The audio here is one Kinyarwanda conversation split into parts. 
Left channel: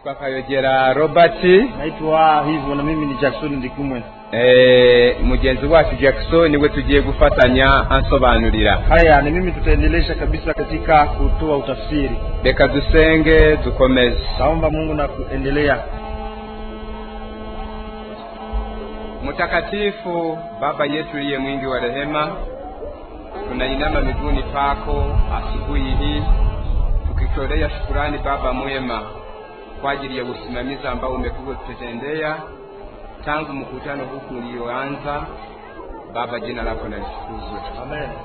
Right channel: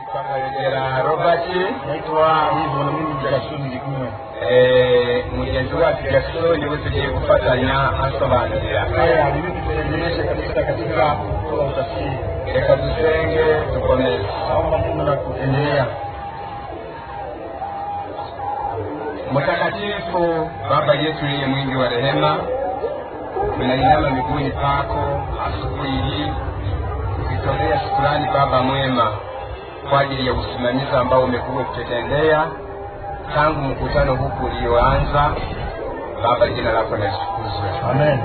Nitwa Kayogera Robert. Naitwa hivyo na mimi ni Jackson Ndikumwe. Mugenzi wacu Jackson niwe tugiye gufatanya ansobanurira. Haya ni mimi tutaendelea kabisa katika kutoa utafsiri. Reka dusenge dukomeze. Naomba Mungu na kuendelea. Mtakatifu Baba yetu aliye mwingi wa rehema, tunainama mbinguni pako asubuhi hii tukitolea shukrani Baba mwema kwa ajili ya usimamizi ambao umekuwa ukitendea tangu mkutano huu ulioanza. Baba, jina lako litukuzwe. Amen.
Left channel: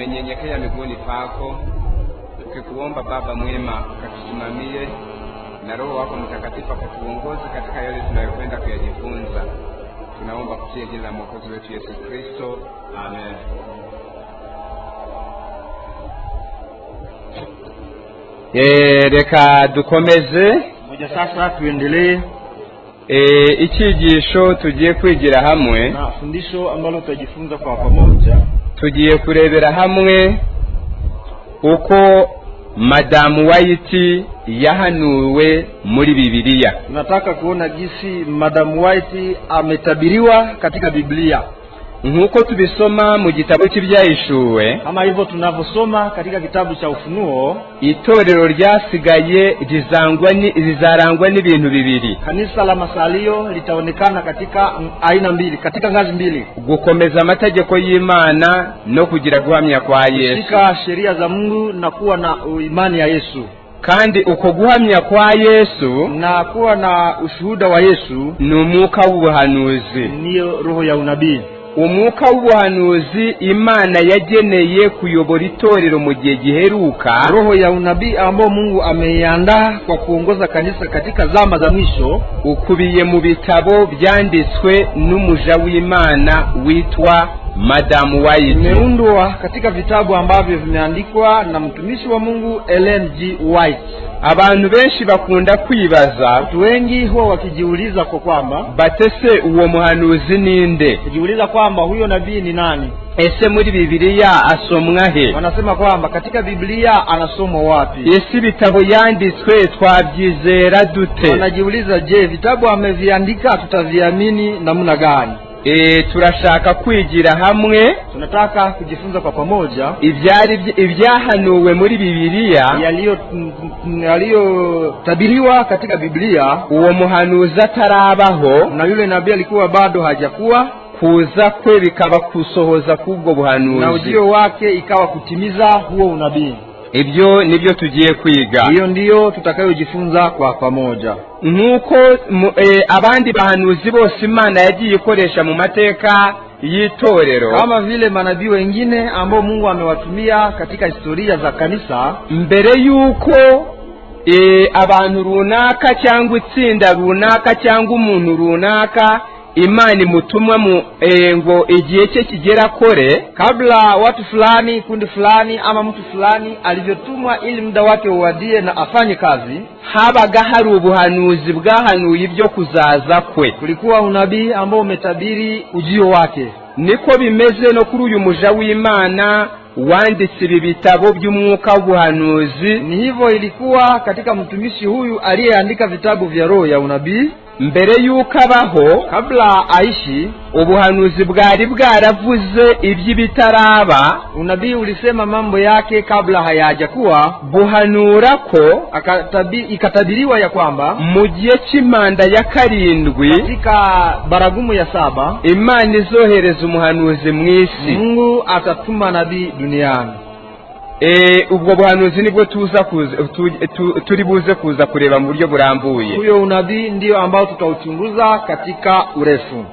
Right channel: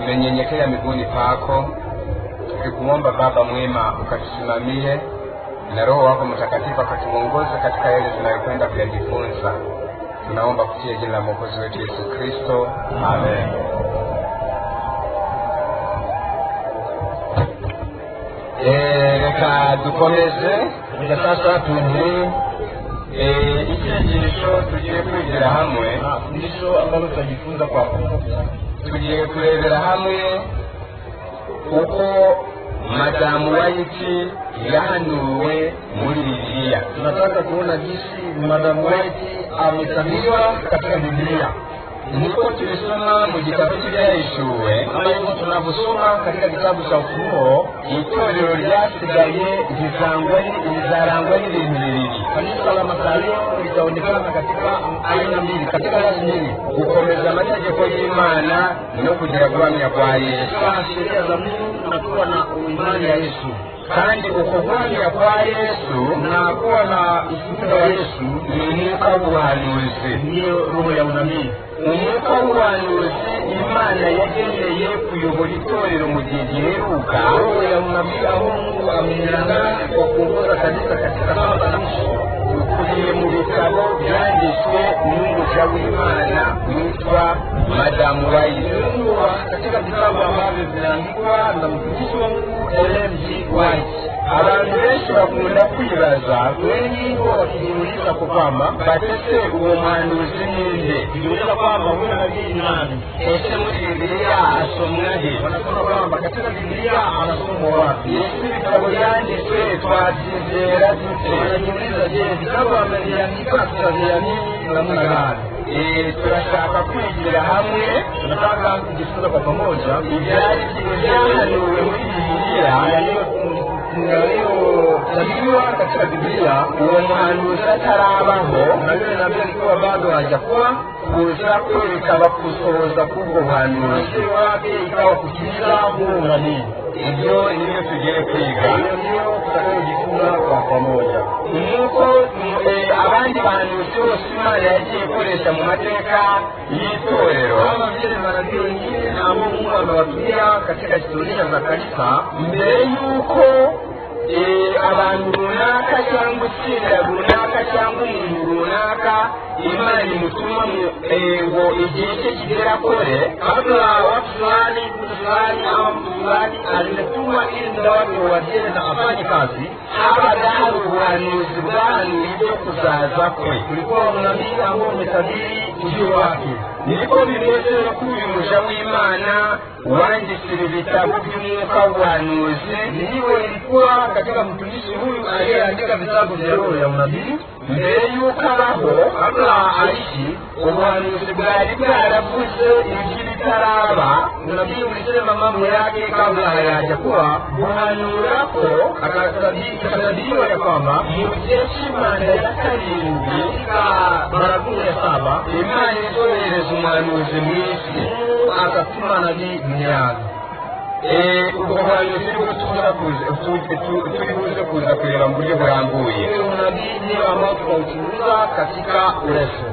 Tumenyenyekea mbinguni pako tukikuomba Baba mwema ukatusimamie na Roho wako Mtakatifu akatuongoza katika yale tunayokwenda kujifunza. Tunaomba kupitia jina la Mwokozi wetu Yesu Kristo. Amen. Reka dukomeze. Sasa tuendelee. Icyigisho tugiye kwigira hamwe. Fundisho ambalo tutajifunza kwa pamoja. Tugiye kurebera hamwe uko Madamu White yahanuwe muri Bibiliya. Tunataka kuona jinsi Madamu White ametabiriwa katika Biblia. Nkuko tubisoma mu gitabo cy'Ibyahishuwe, kama hivyo tunaposoma katika kitabu cha Ufunuo, itorero ryasigaye rizarangwa n'ibintu bibiri. Kanisa la masalio litaonekana katika aina mbili, katika ngazi mbili: gukomeza amategeko y'Imana no kugira guhamya kwa Yesu, katika sheria za Mungu na kuwa na imani ya Yesu. Kandi uko guhamya kwa Yesu na kuwa na ushuhuda wa Yesu ni umwuka w'ubuhanuzi, ndiyo roho ya unabii. Umwuka w'ubuhanuzi Imana yageneye kuyobora itorero mu gihe giheruka, roho ya unabii ambao Mungu ameiandaa kwa kuongoza kanisa katika zama za mwisho, ukubiye mu bitabo byanditswe n'umuja w'Imana witwa Madamu White. Imeundwa katika vitabu ambavyo vimeandikwa na mtumishi wa Mungu Ellen G. White. Abantu benshi bakunda kwibaza, watu wengi huwa wakijiuliza kwa kwamba batese uwo muhanuzi ninde, kujiuliza kwamba huyo nabii ni nani. Ese muri Biblia asomwa he? Wanasema kwamba katika Biblia anasomwa wapi? Ese bitabo yanditswe twabyizera dute? Wanajiuliza, je, vitabu ameviandika tutaviamini namna gani? Turashaka kwigira hamwe, tunataka kujifunza kwa pamoja ibyahanuwe muri Biblia, yaliyotabiriwa katika Biblia. Uwo muhanuzi atarabaho na yule nabii alikuwa bado hajakuwa, kuza kwe bikaba kusohoza kubwo buhanuzi, na ujio wake ikawa kutimiza huo unabii. Ibyo nibyo tugiye kwiga. Hiyo ndiyo tutakayojifunza kwa pamoja. Nuko abandi bahanuzi bose Imana yagiye ikoresha mu mateka y'itorero, kama vile manabii wengine ambao Mungu amewatumia katika historia za kanisa, mbere yuko abantu runaka cyangwa itsinda runaka cyangwa umuntu runaka Imani mutumwa ngo igihe cye kigera kore, kabla watu fulani, kundi fulani ama mtu fulani alivyotumwa ili muda wake uwadie na afanye kazi, habaga hari ubuhanuzi bwahanuye ibyo kuzaza kwe. Kulikuwa unabii ambao umetabiri ujio wake. Niko bimeze no kuri uyu muja w'Imana wanditse ibitabo by'umwuka w'ubuhanuzi. Ni hivyo ilikuwa katika mtumishi huyu aliyeandika vitabu vya roho ya unabii. Mbere yuko abaho, kabla aishi, ubuhanuzi bwari bwaravuze iby'ibitaraba. Unabii ulisema mambo yake kabla hayajakuwa, buhanura ko ikatabiriwa ya kwamba mu gihe cy'imanda ya karindwi, katika baragumu ya 7, Imana izohereza umuhanuzi mu isi. Mungu atatuma nabii duniani. Ubwo buhanuzi nibwo turi buze kuza kureba mu buryo burambuye. Huyo unabii ndio ambao tutauchunguza katika urefu.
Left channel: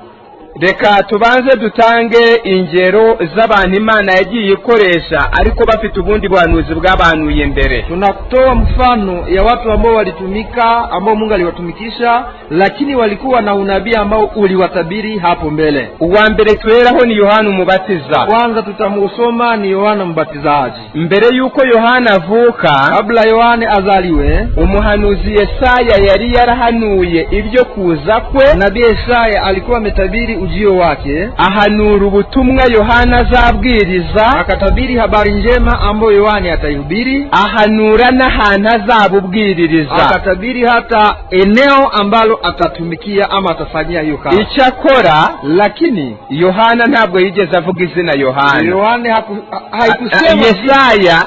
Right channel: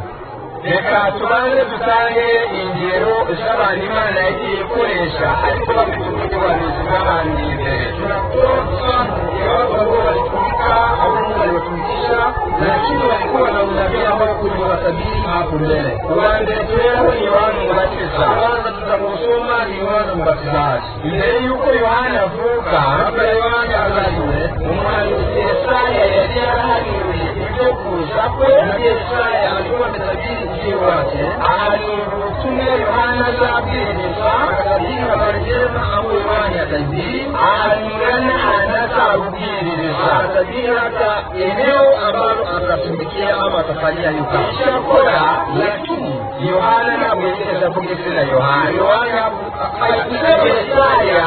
Reka tubanze dutange ingero z'abantu Imana yagiye ikoresha ariko bafite ubundi buhanuzi bw'abahanuye mbere. Tunatoa mfano ya watu ambao walitumika, ambao Mungu aliwatumikisha, lakini walikuwa na unabii ambao uliwatabiri hapo mbele. Uwa mbere tweraho ni Yohana Umubatiza. Kwanza tutamusoma ni Yohana Mbatizaji. Mbere yuko Yohana avuka, kabla Yohana azaliwe, umuhanuzi Yesaya yari yarahanuye ibyo kuza kwe. Nabii Yesaya alikuwa ametabiri ujio wake ahanura ubutumwa Yohana azabwiriza, akatabiri habari njema ambayo Yohana ataihubiri, ahanura n'ahantu azabubwiririza, akatabiri hata eneo ambalo atatumikia ama atafanyia hiyo kazi. Icyakora Lakini Yohana ntabwo yigeze avuga izina Yohana. Yohana haitusema Yesaya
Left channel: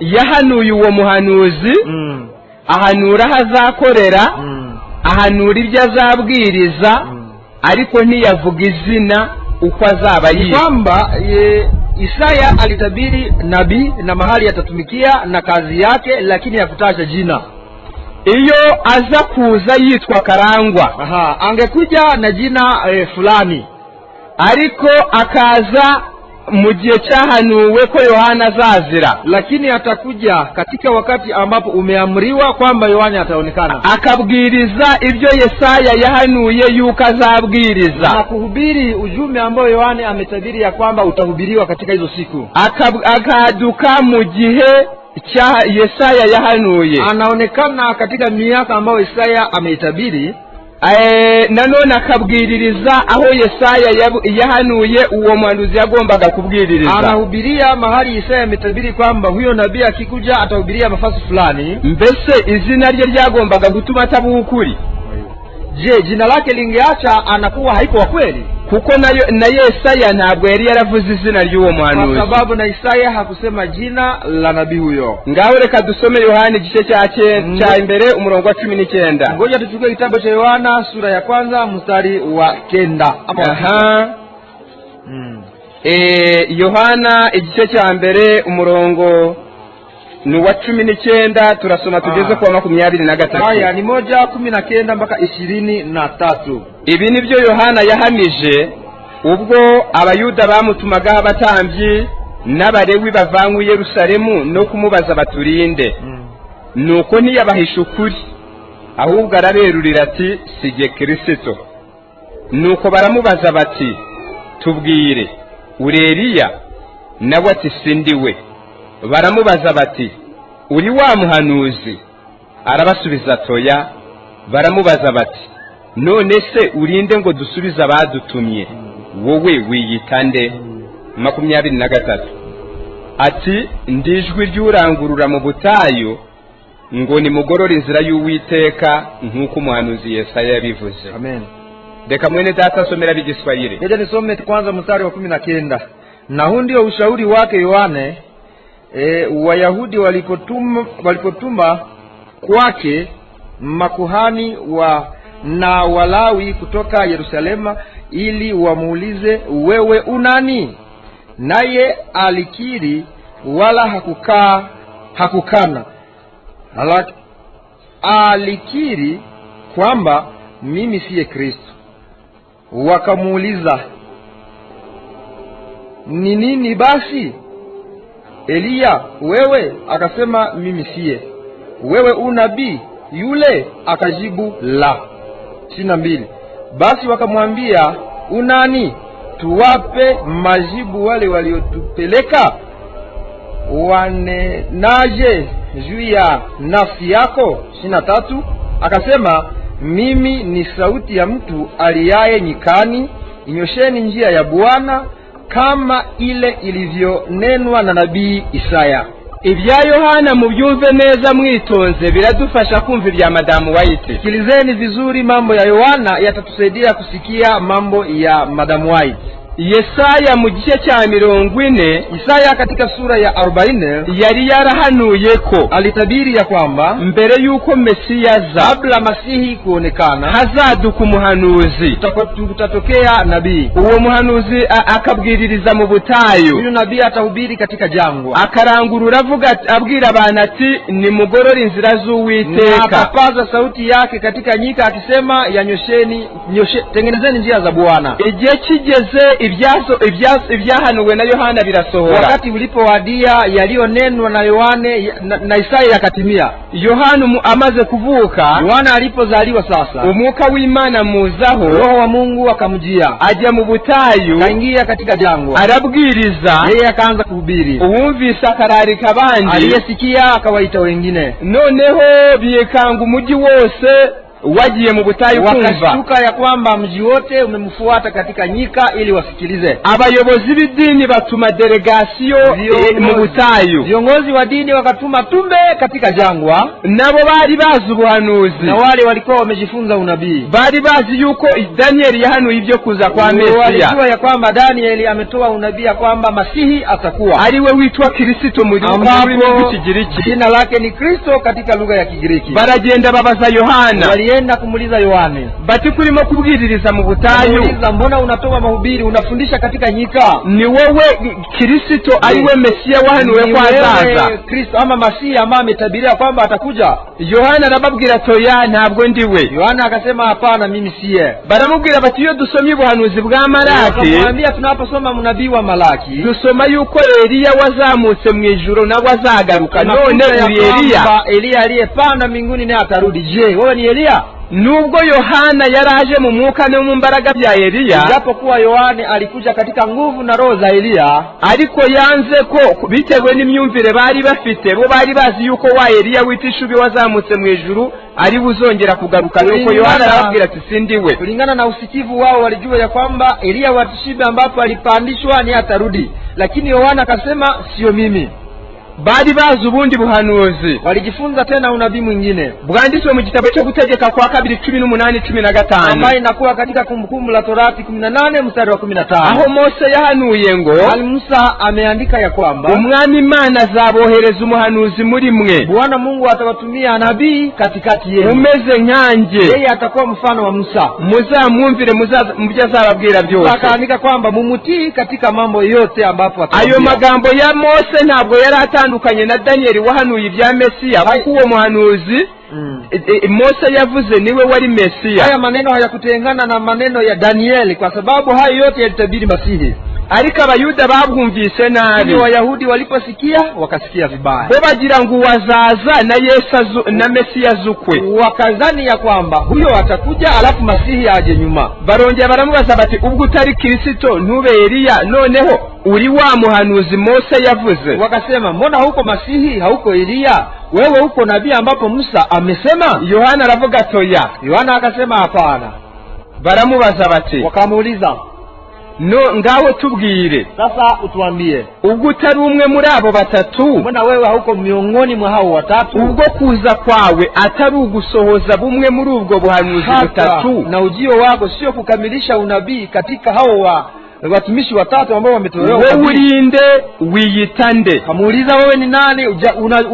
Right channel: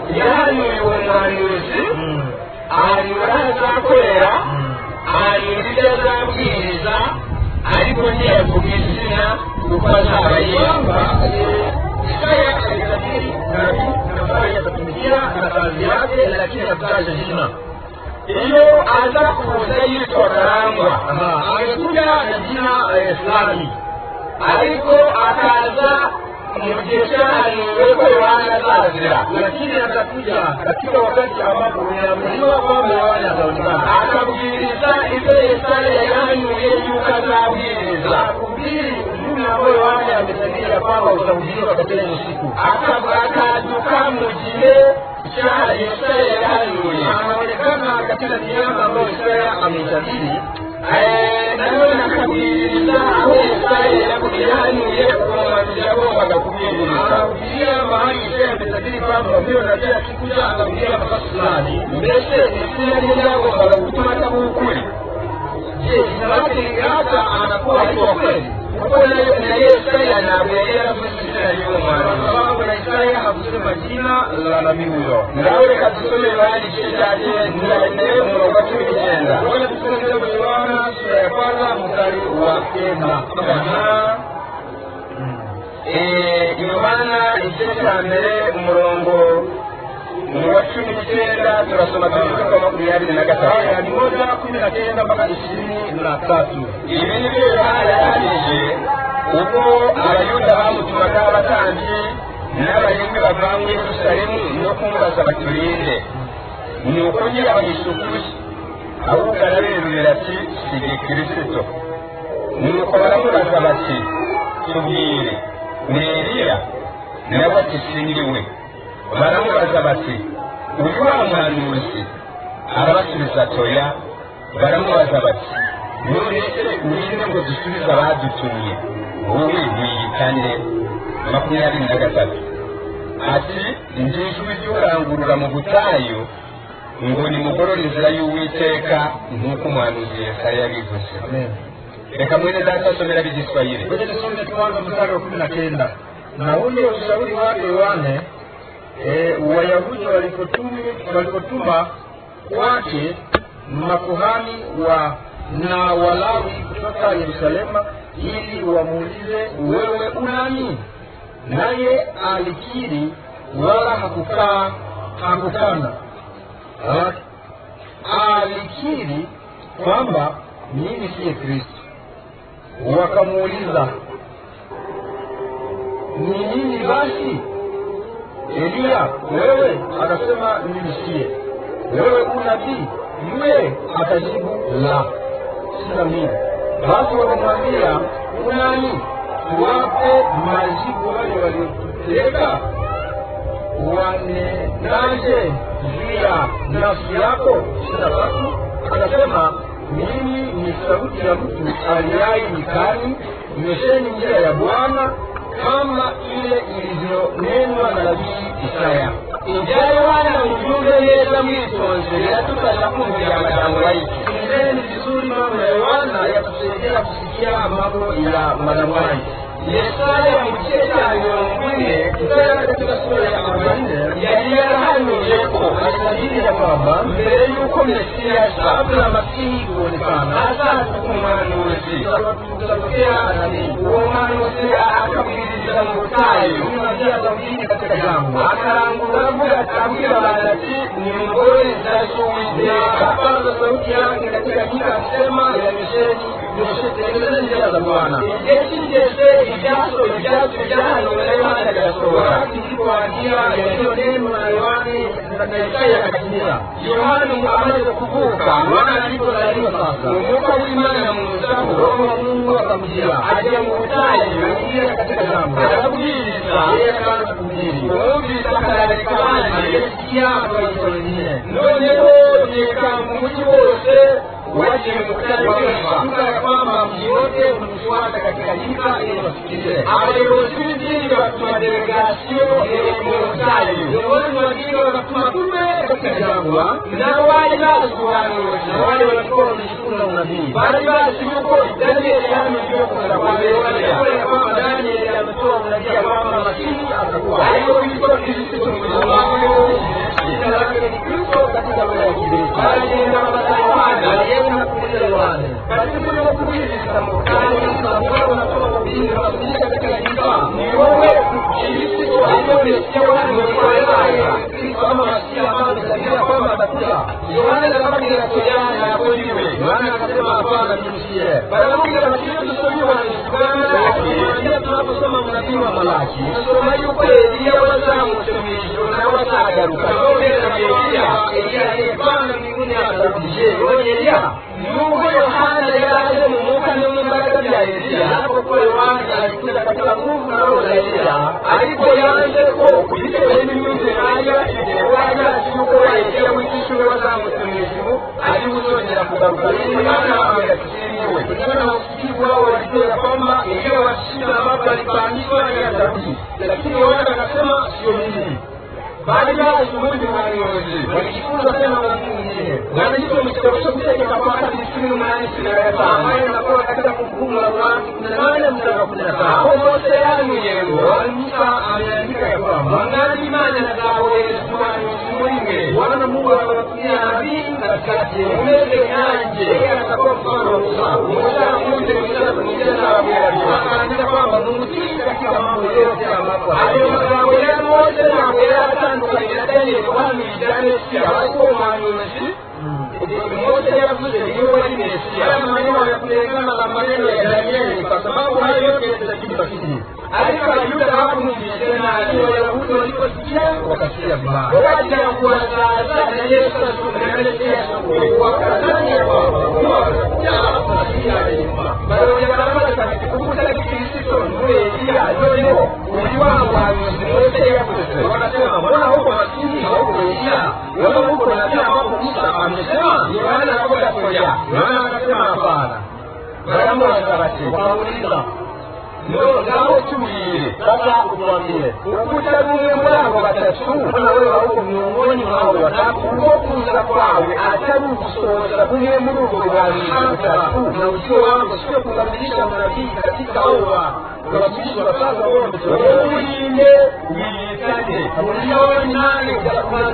yahanuye uwo muhanuzi, ahanura aho azakorera, ahanura ibyo azabwiriza, ariko ntiyavuga izina uko azaba yitwa. Kwamba Isaya alitabiri nabii na mahali atatumikia na kazi yake, lakini hakutaja jina. Iyo aza kuza yitwa Karangwa, angekuja na jina fulani, ariko akaza mu gihe cyahanuwe ko Yohana azazira, lakini atakuja katika wakati ambapo umeamriwa kwamba Yohana ataonekana, akabwiriza ibyo Yesaya yahanuye yuko azabwiriza, na kuhubiri ujumbe ambao Yohana ametabiri ya kwamba utahubiriwa katika hizo siku. Akaduka mu gihe cha Yesaya yahanuye, anaonekana katika miaka ambayo Yesaya ameitabiri. Nanone akabwiririza aho Yesaya yahanuye uwo mwanuzi yagombaga kubwiririza. Anahubiria mahali Yesaya ametabiri kwamba huyo nabii akikuja atahubiria nafasi fulani. Mbese izina rye ryagombaga gutuma atavuga ukuri? Je, jina lake lingeacha anakuwa haiko wa kweli? Kuko na Yesaya ntabwo yari yaravuze izina ry'uwo mwanuzi, kwa sababu na Yesaya hakusema jina la nabii huyo. Ngaho reka dusome Yohana igice cya mbere umurongo wa 19. Ngoja tuchukue kitabu cha Yohana sura ya kwanza mstari wa 9. Yohana igice cya mbere umurongo ni wa 19, turasoma tugeze kwa 23. Haya ni 1:19 mpaka 23. Ibi nibyo Yohana yahamije ubwo abayuda bamutumagaho abatambyi n'abarewi bavanywe i Yerusalemu no kumubaza baturinde. Nuko ntiyabahisha ukuri, ahubwo araberurira ati sige Kristo. Nuko baramubaza bati tubwire, uri Eliya? Nawe ati sindiwe. Baramubaza bati uri wa muhanuzi? Arabasubiza toya. Baramubaza bati none se urinde ngo dusubize abadutumye, wowe wiyita nde? 23. Ati ndijwi ry'urangurura mu butayu ngo nimugorore inzira y'Uwiteka nk'uko umuhanuzi Yesaya yabivuze. Amen. Reka mwene data somera Igiswahili. Ngoja nisome kwanza mstari wa 19. Na huu ndio ushauri wake Yohane Wayahudi walipotuma kwake makuhani na Walawi kutoka Yerusalema ili wamuulize, wewe unani? Naye alikiri wala hakukana. Alikiri kwamba mimi siye Kristo. Wakamuuliza, ni nini basi? Eliya wewe? Akasema mimi siye. Wewe unabii yule? Akajibu la. 22. Basi wakamwambia, unani? Tuwape majibu wale waliotupeleka? Wanenaje juu ya nafsi yako? 23. Akasema, mimi ni sauti ya mtu aliaye nyikani, nyosheni njia ya Bwana, kama ile ilivyonenwa na nabii Isaya. Ibya Yohana mubyumve neza mwitonze, biradufasha kumva ibya Madamu White. Sikilizeni vizuri mambo ya Yohana, yatatusaidia kusikia mambo ya Madamu White. Yesaya mu gice cya 40, Isaya katika sura ya 40 yari yarahanuye ko alitabiri ya kwamba mbere yuko Mesiya kabla Masihi kuonekana hazaduka umuhanuzi, tutatokea nabii. Uwo muhanuzi akabwiririza mu butayu. Huyu nabii atahubiri katika jangwa, akarangurura abwira abantu ati nimugorore inzira z'Uwiteka. Akapaza sauti yake katika nyika akisema, tengenezeni njia za Bwana. Igihe kigeze ibyahanuwe na Yohana birasohora. Wakati ulipowadia yaliyonenwa na Yohane na Isaya yakatimia. Yohana amaze kuvuka, Yohana alipozaliwa sasa, umwuka w'Imana muzaho, Roho wa Mungu akamjia, ajya mu butayu, kaingia katika jangwa, arabwiriza. Yeye akaanza kuhubiri. Uwumvise akararika abandi, aliyesikia akawaita wengine. Noneho biyekanga umujyi wose wagiye mu butayu kumva, wakashtuka ya kwamba mji wote umemfuata katika nyika ili wasikilize. abayobozi b'idini batuma delegasiyo mu butayu, viongozi wa dini wakatuma tume katika jangwa, nabo bari bazi ubuhanuzi, na wale walikuwa wamejifunza unabii, bari bazi yuko Danieli yahanuye ibyo kuza kwa Mesiya, walijua ya kwamba Danieli ametoa unabii ya kwamba Masihi atakuwa, ariwe witwa Kristo mu rurimi rw'Ikigiriki, jina lake ni Kristo katika lugha ya Kigiriki. baragenda babaza Yohana, walienda kumuliza Yohane, bati kurimo kubwiririza mu butayu, mbona unatoa mahubiri, unafundisha katika nyika? ni wowe Kristo ariwe Mesiya wahanuye kwa azaza, Kristo ama Masihi ambaye ametabiria kwamba atakuja? Yohana arababwira toya ntabwo ndiwe. Yohana akasema hapana, mimi siye. baramubwira bati iyo dusomye ubuhanuzi bwa Malaki, tunaposoma mnabii wa Malaki dusoma yuko Eliya wazamutse mu ijuru na wazagaruka, none Eliya aliyepanda mbinguni naye atarudi. Je, wewe ni Eliya? nubwo Yohana yaraje mu mwuka no mu mbaraga bya Eliya, japokuwa Yohana alikuja katika nguvu na roho za Eliya, ariko yanze ko bitewe n'imyumvire bari bafite, bo bari bazi yuko wa Eliya witishubi wazamutse mu ijuru ari buzongera kugaruka, nuko Yohana arababwira ati sindiwe. kulingana na usikivu wao walijua ya kwamba Eliya wa Tishibe ambapo alipandishwa ni atarudi, lakini Yohana akasema sio mimi. bari bazi ubundi buhanuzi, walijifunza tena unabii mwingine bwanditswe mu gitabo cyo gutegeka kwa 2:18-15, ambaye inakuwa katika Kumbukumbu la Torati 18 mstari wa 15, aho Mose yahanuye ngo Musa ameandika ya kwamba umwami Imana azabohereza umuhanuzi muri mwe, Bwana Mungu atawatumia nabii katikati yenu umeze nkanjye, yeye atakuwa mfano wa Musa, muzamwumvire mujye azababwira byose. akaandika kwamba mumutii katika mambo yote ambapo ayo magambo ya Mose ntabwo yari atandukanye na Danieli wahanuye ibya Mesiya, kuko uwo muhanuzi Mose yavuze niwe wari Mesiya. haya maneno hayakutengana na maneno ya Danieli, kwa sababu hayo yote yalitabiri Masihi. ariko abayuda babwumvise nabi, Wayahudi waliposikia wakasikia vibaya, bo bagira ngo wazaza na Yesu na Mesiya azukwe, wakazani ya kwamba huyo atakuja alafu Masihi aje nyuma. barongera baramubaza bati ubwo utari Kristo ntube Eliya, noneho uri wa muhanuzi Mose yavuze? Wakasema mbona huko Masihi hauko Eliya, wewe huko nabii ambapo Musa amesema? Yohana aravuga toya. Yohana akasema hapana. Baramubaza bati, wakamuuliza no ngaho tubwire, sasa utuambie, ubwo utari umwe muri abo batatu, mbona wewe hauko miongoni mwa hao watatu, ubwo kuza kwawe atari ugusohoza bumwe muri ubwo buhanuzi butatu, na ujio wako sio kukamilisha unabii katika hao watumishi watatu ambao wametolewa? wewe urinde wiyita nde? Amuuliza wewe ni nani,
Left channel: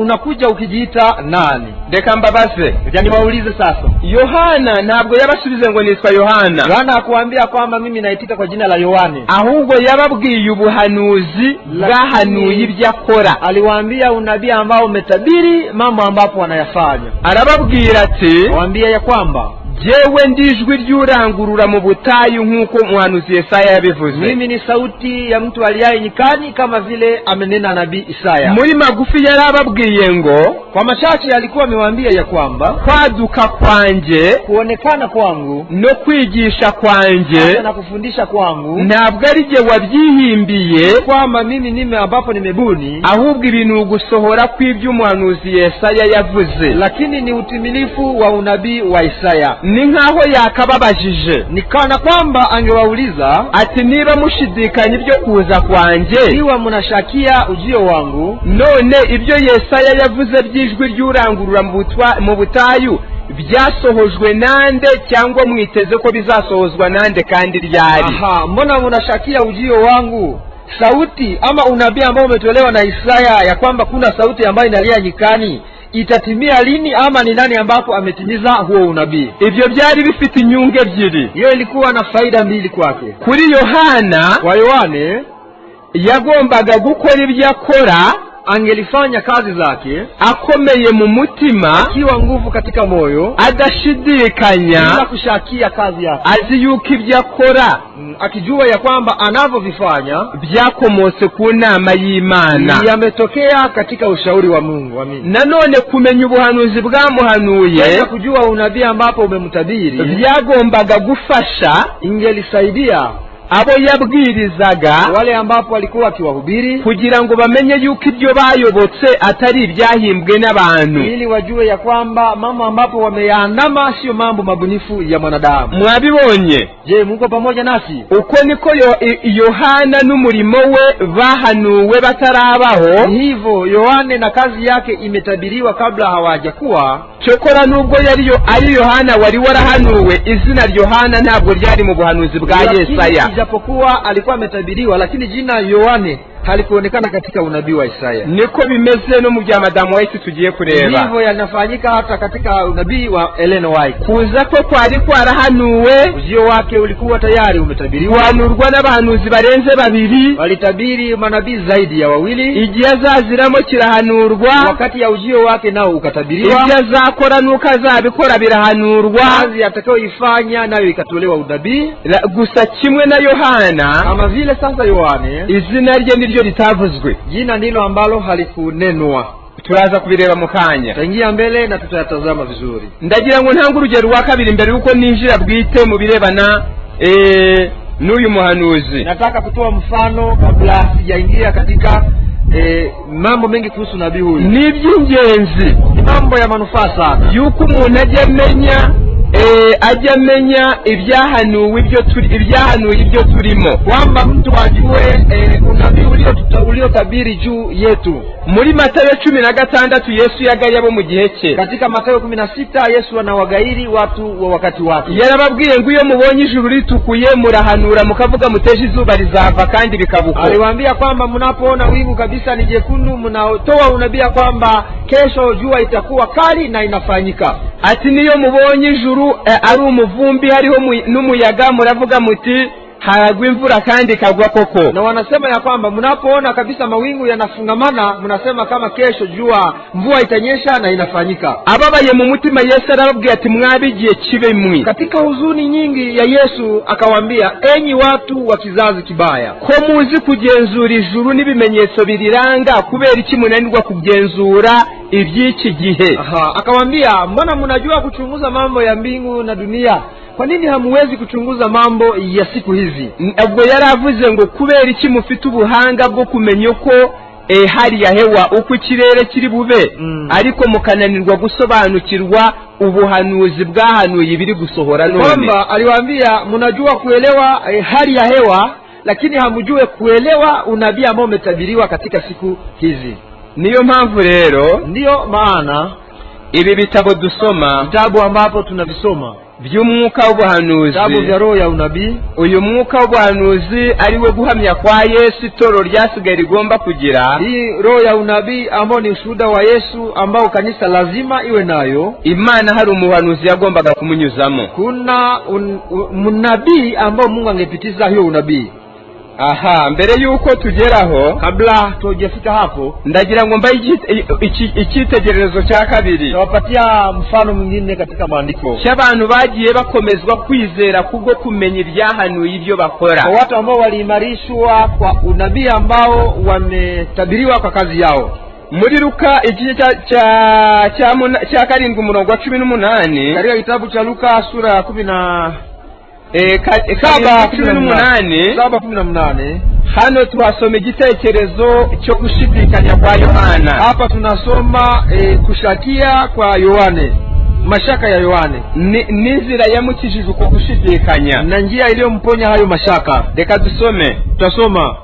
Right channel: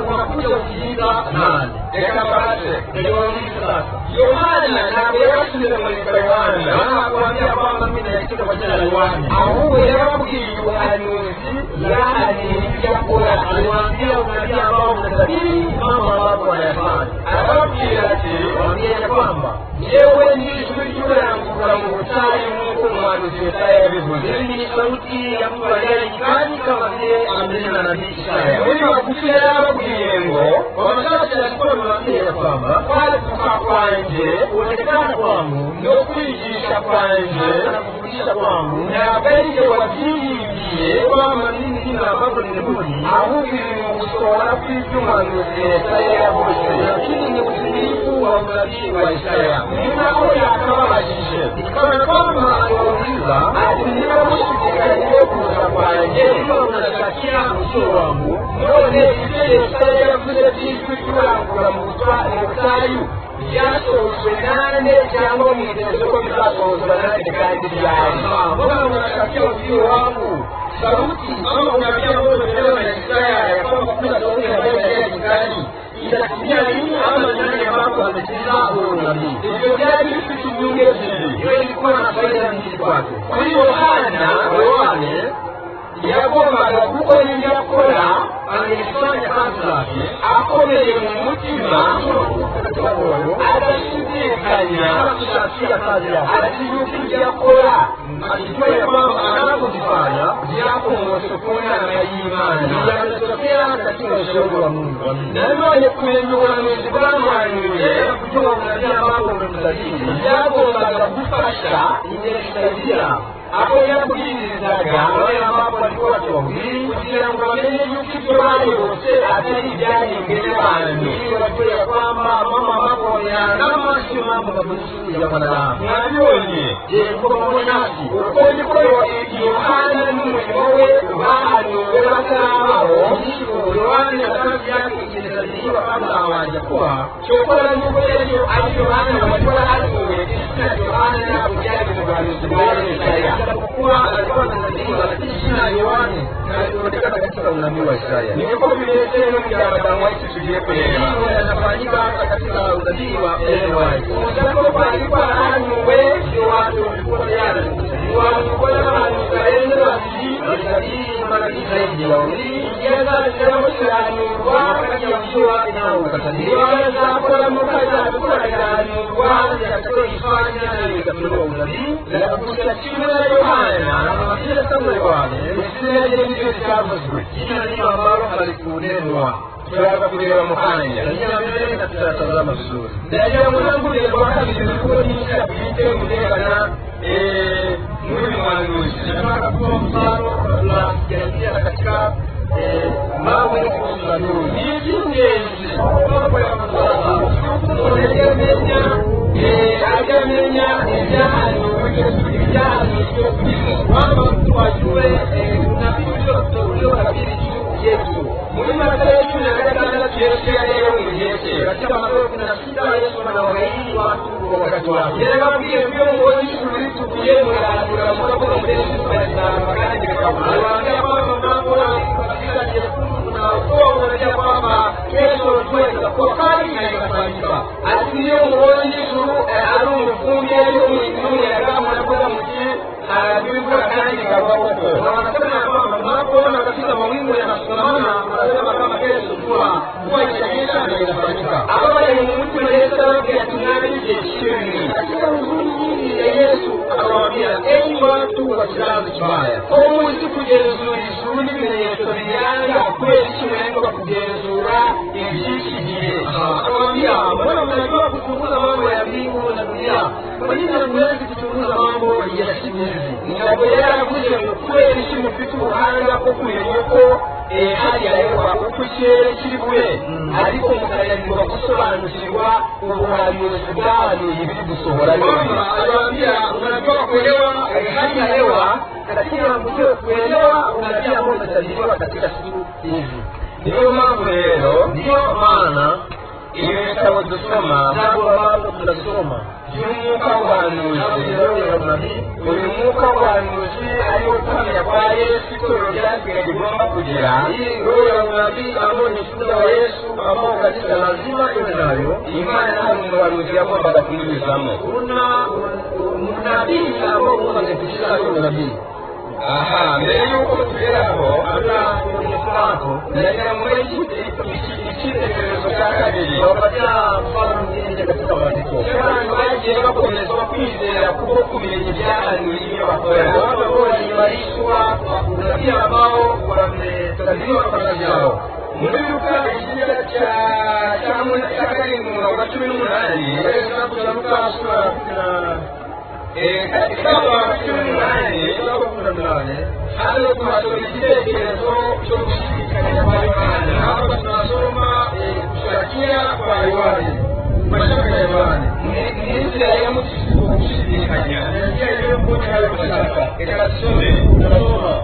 unakuja ukijiita nani? Reka mbabaze, yani waulize sasa. Yohana ntabwo yabasubize ngo nitwa Yohana. Yohana hakuambia kwamba mimi naitika kwa jina la Yohane, ahubwo yababwiye ubuhanuzi bwahanuye ibyo akora. Aliwaambia unabii ambao umetabiri mambo ambapo wanayafanya. Arababwira ati, waambie ya kwamba jewe ndijwi ry'urangurura mu butayu nk'uko umuhanuzi Yesaya yabivuze. Mimi ni sauti ya mtu aliye nyikani kama vile amenena nabii Isaya. Muri magufi yarababwiye ngo, kwa machache alikuwa amewaambia ya kwamba kwaduka kwanje, kuonekana kwangu no kwigisha kwanje na kufundisha kwangu ntabwo ari je wabyihimbiye kwamba mimi nime ambapo nimebuni, ahubwo ibintu gusohora kw'ibyo umuhanuzi Yesaya yavuze, lakini ni utimilifu wa unabii wa Isaya. Ni nkaho yakababajije, nikana kwamba angewauliza ati niba mushidikanya ibyo kuza kwanje, niba munashakia ujio wangu, none ibyo Yesaya yavuze by'ijwi ry'urangurura mu butayu byasohojwe nande, cyangwa mwiteze ko bizasohozwa nande kandi ryari? Mbona munashakia ujio wangu? Sauti ama unabii ambao umetolewa na Isaya ya kwamba kuna sauti ambayo inalia nyikani itatimia lini, ama ni nani ambapo ametimiza huo unabii? Ibyo byari bifite inyungu ebyiri. Hiyo ilikuwa na faida mbili kwake. Kuri Yohana, kwa Yohane yagombaga gukora ibyo akora, angelifanya kazi zake akomeye mu mutima, akiwa nguvu katika moyo, adashidikanya, bila kushakia kazi yake, azi yuko ibyo akora, akijua ya kwamba anavyovifanya byakomotse ku nama y'Imana, yametokea katika ushauri wa Mungu. Nanone kumenya ubuhanuzi bwamuhanuye, kujua unabii ambapo umemtabiri, byagombaga gufasha, ingelisaidia abo yabwirizaga, wale ambapo walikuwa wakiwahubiri, kugira ngo bamenye yuko ibyo bayobotse atari ibyahimbwe n'abantu, ili wajue ya kwamba mambo ambapo wameyaandama sio mambo mabunifu ya wanadamu. Mwabibonye? Je, mko pamoja nasi? Uko niko Yohana n'umurimo we bahanuwe batarabaho. Hivyo Yohane na kazi yake imetabiriwa kabla hawajakuwa. Cyokora nubwo yari ari Yohana wari warahanuwe, izina Yohana ntabwo ryari mu buhanuzi bwa Yesaya. Japokuwa alikuwa ametabiriwa, lakini jina Yohane halikuonekana katika unabii wa Isaya. Niko bimeze no mu bya Madamu White tugiye kureba. Hivyo yanafanyika hata katika unabii wa Ellen White. Kuza ko kwari kwarahanuwe, ujio wake ulikuwa tayari umetabiriwa. Wanurwa n'abahanuzi barenze babiri, walitabiri manabii zaidi ya wawili. Igihe azaziramo kirahanurwa, wakati ya ujio wake nao ukatabiriwa. Igihe azakora nuko azabikora birahanurwa, kazi atakayoifanya nayo ikatolewa unabii. Gusa kimwe na Yohana, kama vile sasa Yohane izina rye niryo litavuzwe, jina ndilo ambalo halikunenwa. Turaza kubireba mu kanya, tangia mbele na tutayatazama vizuri. Ndagira ngo ntange urugero rwa kabiri mbere yuko ninjira bwite mu birebana n'uyu muhanuzi. Nataka kutoa mfano kabla sijaingia katika mambo mengi kuhusu nabii huyu. Ni iby'ingenzi, ni mambo ya manufaa sana yuko umuntu ajya amenya ibyahanuwe ibyo turimo, kwamba mtu ajue unabii uliotabiri juu yetu. Muri Mathayo 16 Yesu yagaye abo mu gihe cye. Katika Mathayo 16 Yesu anawagairi watu wa wakati wake. Yarababwiye ngo iyo mubonye ijuru ritukuye murahanura mukavuga muteje izuba rizava kandi bikabuka. Aliwaambia kwamba mnapoona wingu kabisa ni jekundu, mnatoa unabii kwamba kesho jua itakuwa kali na inafanyika. Ati niyo mubonye ijuru ari umuvumbi hariho n'umuyaga muravuga muti haragwa imvura kandi kagwa koko. Na wanasema ya kwamba mnapoona kabisa mawingu yanafungamana, mnasema kama kesho mvua itanyesha na inafanyika. Ababaye mu mutima Yesu arababwiye ati mwabigiye kibe mwi. Katika huzuni nyingi ya Yesu akawaambia, enyi watu wa kizazi kibaya, ko muzi kugenzura ijuru n'ibimenyetso biriranga, kubera iki munanirwa kugenzura iby'iki gihe? Akawaambia, mbona mnajua kuchunguza mambo ya mbingu na dunia, kwa nini hamuwezi kuchunguza mambo ya siku hizi? Ubwo yaravuze ngo kubera iki mufite ubuhanga bwo kumenya uko hali ya hewa uko ikirere kiri bube, ariko mukananirwa gusobanukirwa ubuhanuzi bwahanuye ibiri gusohora none. Kwamba aliwaambia mnajua kuelewa hali ya hewa, lakini hamjue kuelewa unabii ambao umetabiriwa katika siku hizi. Niyo mpamvu rero, ndiyo maana ibi bitabo dusoma, vitabu ambapo tunavisoma by'umwuka w'ubuhanuzi, vitabu vya roho ya unabii, uyu mwuka w'ubuhanuzi ariwe guhamya kwa Yesu itoro ryasigaye rigomba kugira. Hii roho ya unabii ambao ni ushuhuda wa Yesu ambao kanisa lazima iwe nayo. Imana hari umuhanuzi yagombaga kumunyuzamo. Kuna unabii ambao Mungu angepitiza hiyo unabii. Mbere yuko tugeraho, kabla tujafika hapo, ndagira ngo mbaye icyitegererezo cya kabiri. Nawapatia mfano mwingine katika maandiko cy'abantu bagiye bakomezwa kwizera kubwo kumenya ibyahanuye ibyo bakora. Watu ambao waliimarishwa kwa unabii ambao wametabiriwa kwa kazi yao. Muri Luka igice cya 7:18, katika kitabu cha Luka sura ya 18 hano twasoma igitekerezo cyo gushidikanya kwa Yohana. Hapa tunasoma kushakia kwa Yohane, mashaka ya Yohane, n'inzira yamukijije uko gushidikanya na njia iliyomponya hayo mashaka. Reka dusome, tutasoma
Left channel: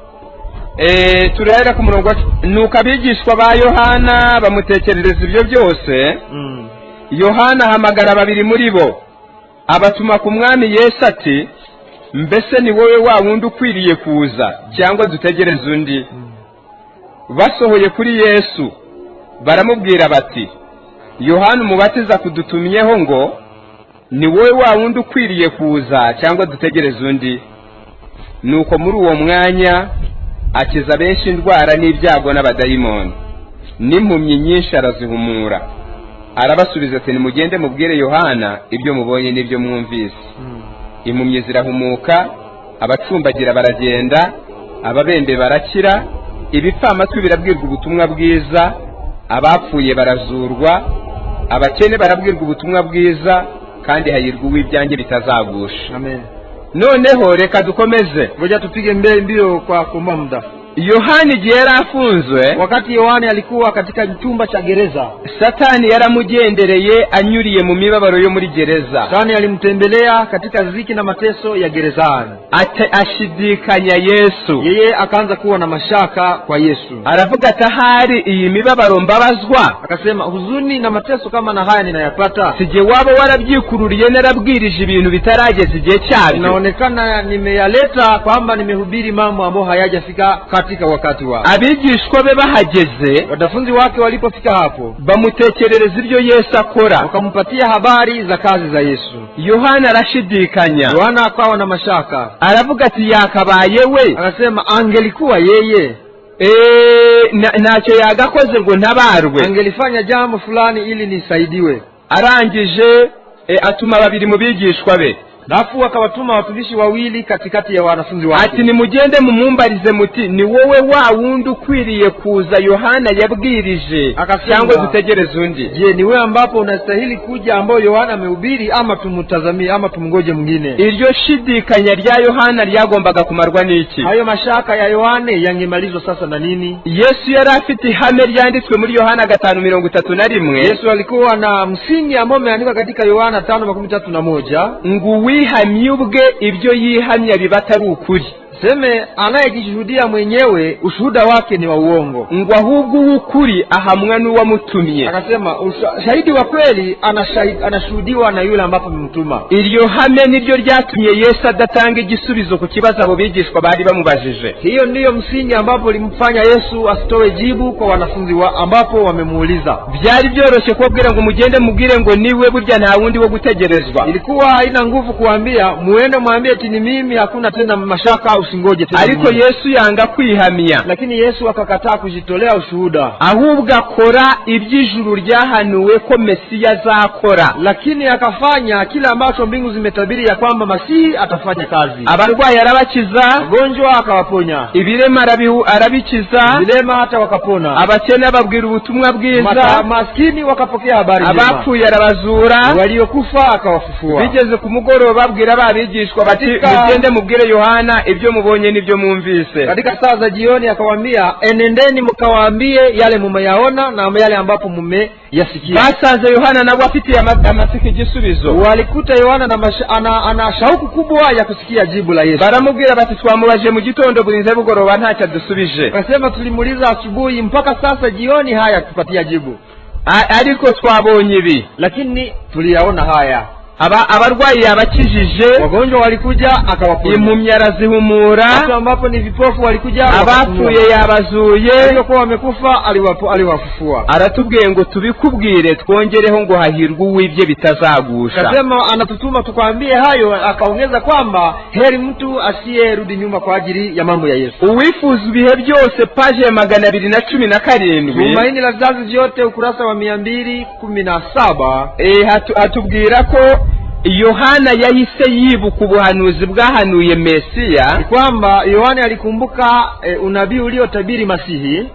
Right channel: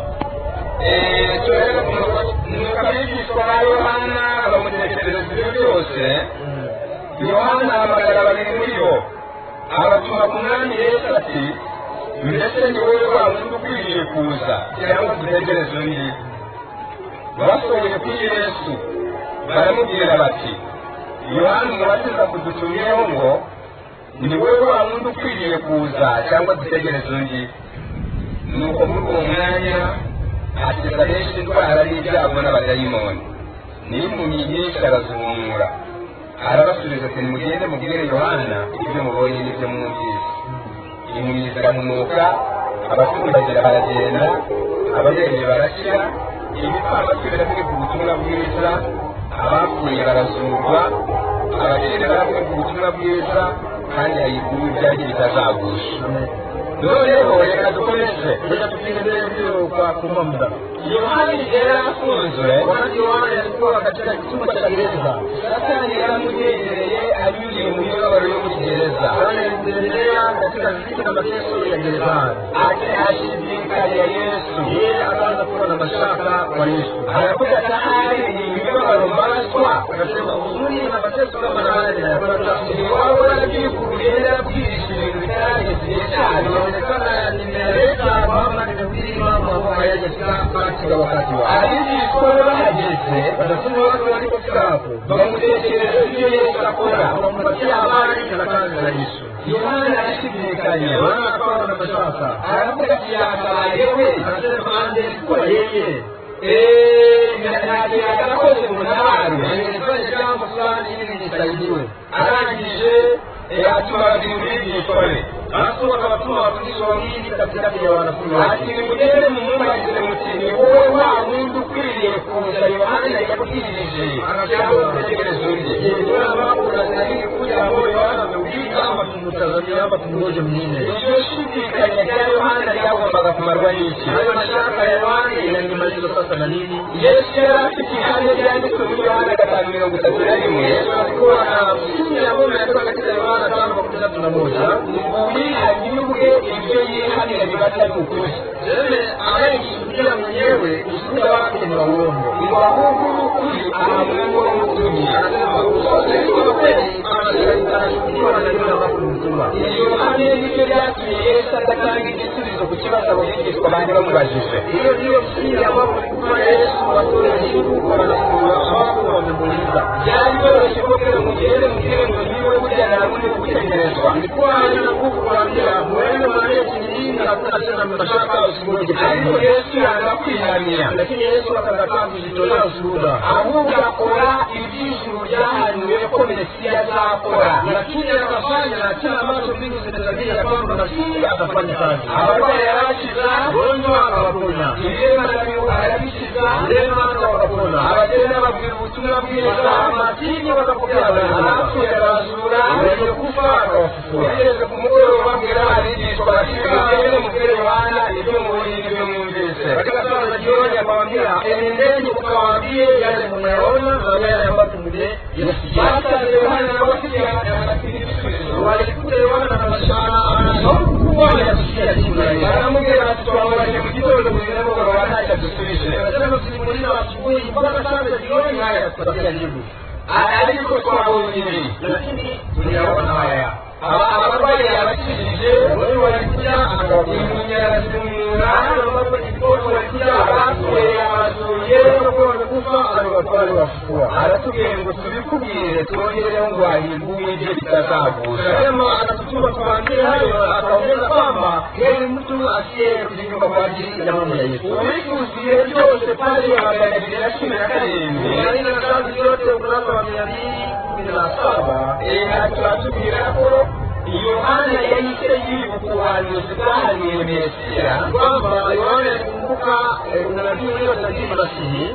turahera ku murongo. Nuko abigishwa ba Yohana bamutekerereza ibyo byose. Yohana ahamagara babiri muri bo, abatuma ku mwami Yesu ati, mbese ni wowe wa wundi ukwiriye kuza cyangwa dutegereze undi? Basohoye kuri Yesu baramubwira bati, Yohana umubatiza kudutumyeho ngo ni wowe wa wundi ukwiriye kuza cyangwa dutegereze undi? Nuko muri uwo mwanya akiza benshi indwara n'ibyago n'abadayimoni, n'impumyi nyinshi arazihumura. Arabasubiza ati, nimugende mubwire Yohana ibyo mubonye n'ibyo mwumvise. Impumyi zirahumuka, abacumbagira baragenda, ababembe barakira, ibipfamatwi birabwirwa ubutumwa bwiza, abapfuye barazurwa, abakene barabwirwa ubutumwa bwiza, kandi hahirwa uw'ibyanjye bitazagusha. noneho reka dukomeze, ngoja tupige mbio kwa kuomba muda. Yohana igihe yari afunzwe, Wakati Yohana alikuwa katika chumba cha gereza, Satani yaramugendereye anyuriye mu mibabaro yo muri gereza. Satani alimtembelea katika ziki na mateso ya gerezani, ashidikanya Yesu. Yeye akaanza kuwa na mashaka kwa Yesu. Aravuga ati ahari iyi mibabaro mbabazwa, akasema huzuni na mateso kama na haya ninayapata, sije waba warabyikururiye narabwirije ibintu bitarageze igihe cyabyo. Inaonekana nimeyaleta kwamba nimehubiri mambo ambayo hayajafika katika wakati wao. Abigishwa be bahageze, wanafunzi wake walipofika hapo, bamutekerereza ibyo Yesu akora, wakampatia habari za kazi za Yesu. Yohana arashidikanya, Yohana akawa na mashaka, aravuga ati yakabaye we, anasema angelikuwa yeye ntacyo yagakoze ngo ntabarwe, angelifanya jambo fulani ili nisaidiwe. Arangije atuma babiri mu bigishwa be, Nafu akawatuma watumishi wawili katikati ya wanafunzi wake, ati nimugende mumumbarize muti ni wowe wa wundi ukwiriye kuza Yohana yabwirije cyangwa dutegereze undi? Je, ni wewe ambapo unastahili kuja ambao Yohana amehubiri, ama tumtazamie ama tumngoje mwingine? Iryo shidikanya rya Yohana ryagombaga kumarwa n'iki? Hayo mashaka ya Yohana yangemalizwa sasa na nini? Yesu yari afite ihame ryanditswe muri Yohana 5:31. Yesu alikuwa na msingi ambao umeandikwa katika Yohana 5:31, ngo wihamye ubwe ibyo yihamya biba atari ukuri. Seme anayejishuhudia mwenyewe ushuhuda wake ni wa uongo, ngo ahubwo ukuri ahamwa n'uwamutumye. Anasema shahidi wa kweli anashuhudiwa na yule ambapo mtuma. Iryo hame niryo ryatumye Yesu adatanga igisubizo ku kibazo abo bigishwa bari bamubajije. Hiyo ndiyo msingi ambapo limfanya Yesu asitoe jibu kwa wanafunzi ambapo wamemuuliza. Byari byoroshye kubwira ngo mugende mubwire ngo niwe burya nta wundi wo gutegerezwa. Ilikuwa haina nguvu kuambia muende mwambie ati ni mimi, hakuna tena mashaka, usingoje tena. Ariko Yesu yanga kwihamia, lakini Yesu akakataa kujitolea ushuhuda, ahubwo akora iby'ijuru ryahanuwe ko Mesiya azakora, lakini akafanya kila ambacho mbingu zimetabiri ya kwamba Masihi atafanya kazi. Abarwayi arabakiza, gonjwa akawaponya, ibirema arabikiza, vilema hata wakapona, abakene babwira ubutumwa bwiza, maskini wakapokea habari njema, abapfuye arabazura, waliokufa akawafufua. Bigeze ku mugoroba babwira babigishwa bati mugende mubwire Yohana ibyo mubonye n'ibyo mwumvise. Katika saa za jioni akawaambia, enendeni mkawaambie yale mumeyaona na yale ambapo mmeyasikia. Basanze Yohana nabo afite amatike igisubizo. Walikuta Yohana ana shauku kubwa ya kusikia jibu la Yesu. Baramubwira bati twamubaje mu gitondo burinze bugoroba ntacyo dusubije. Akasema tulimuuliza asubuhi mpaka sasa jioni haya tupatia jibu. Ariko twabonye ibi, lakini tuliyaona haya. Abarwayi abakijije, wagonjwa walikuja akawaponya, impumyi arazihumura, watu ambapo ni vipofu walikuja, abapfuye yabazuye, waliokuwa wamekufa aliwafufua. Aratubwiye ngo tubikubwire twongereho ngo hahirwe uwibye bitazagusha. Akasema anatutuma tukwambie hayo, akaongeza kwamba heri mtu asiyerudi nyuma kwa ajili ya mambo ya Yesu. Uwifuza ibihe byose paje ya 217, Tumaini la vizazi vyote ukurasa wa 217, hatubwira ko Yohana yahise yibuka ubuhanuzi bwahanuye Mesiya, kwamba Yohana alikumbuka unabii uliotabiri Masihi,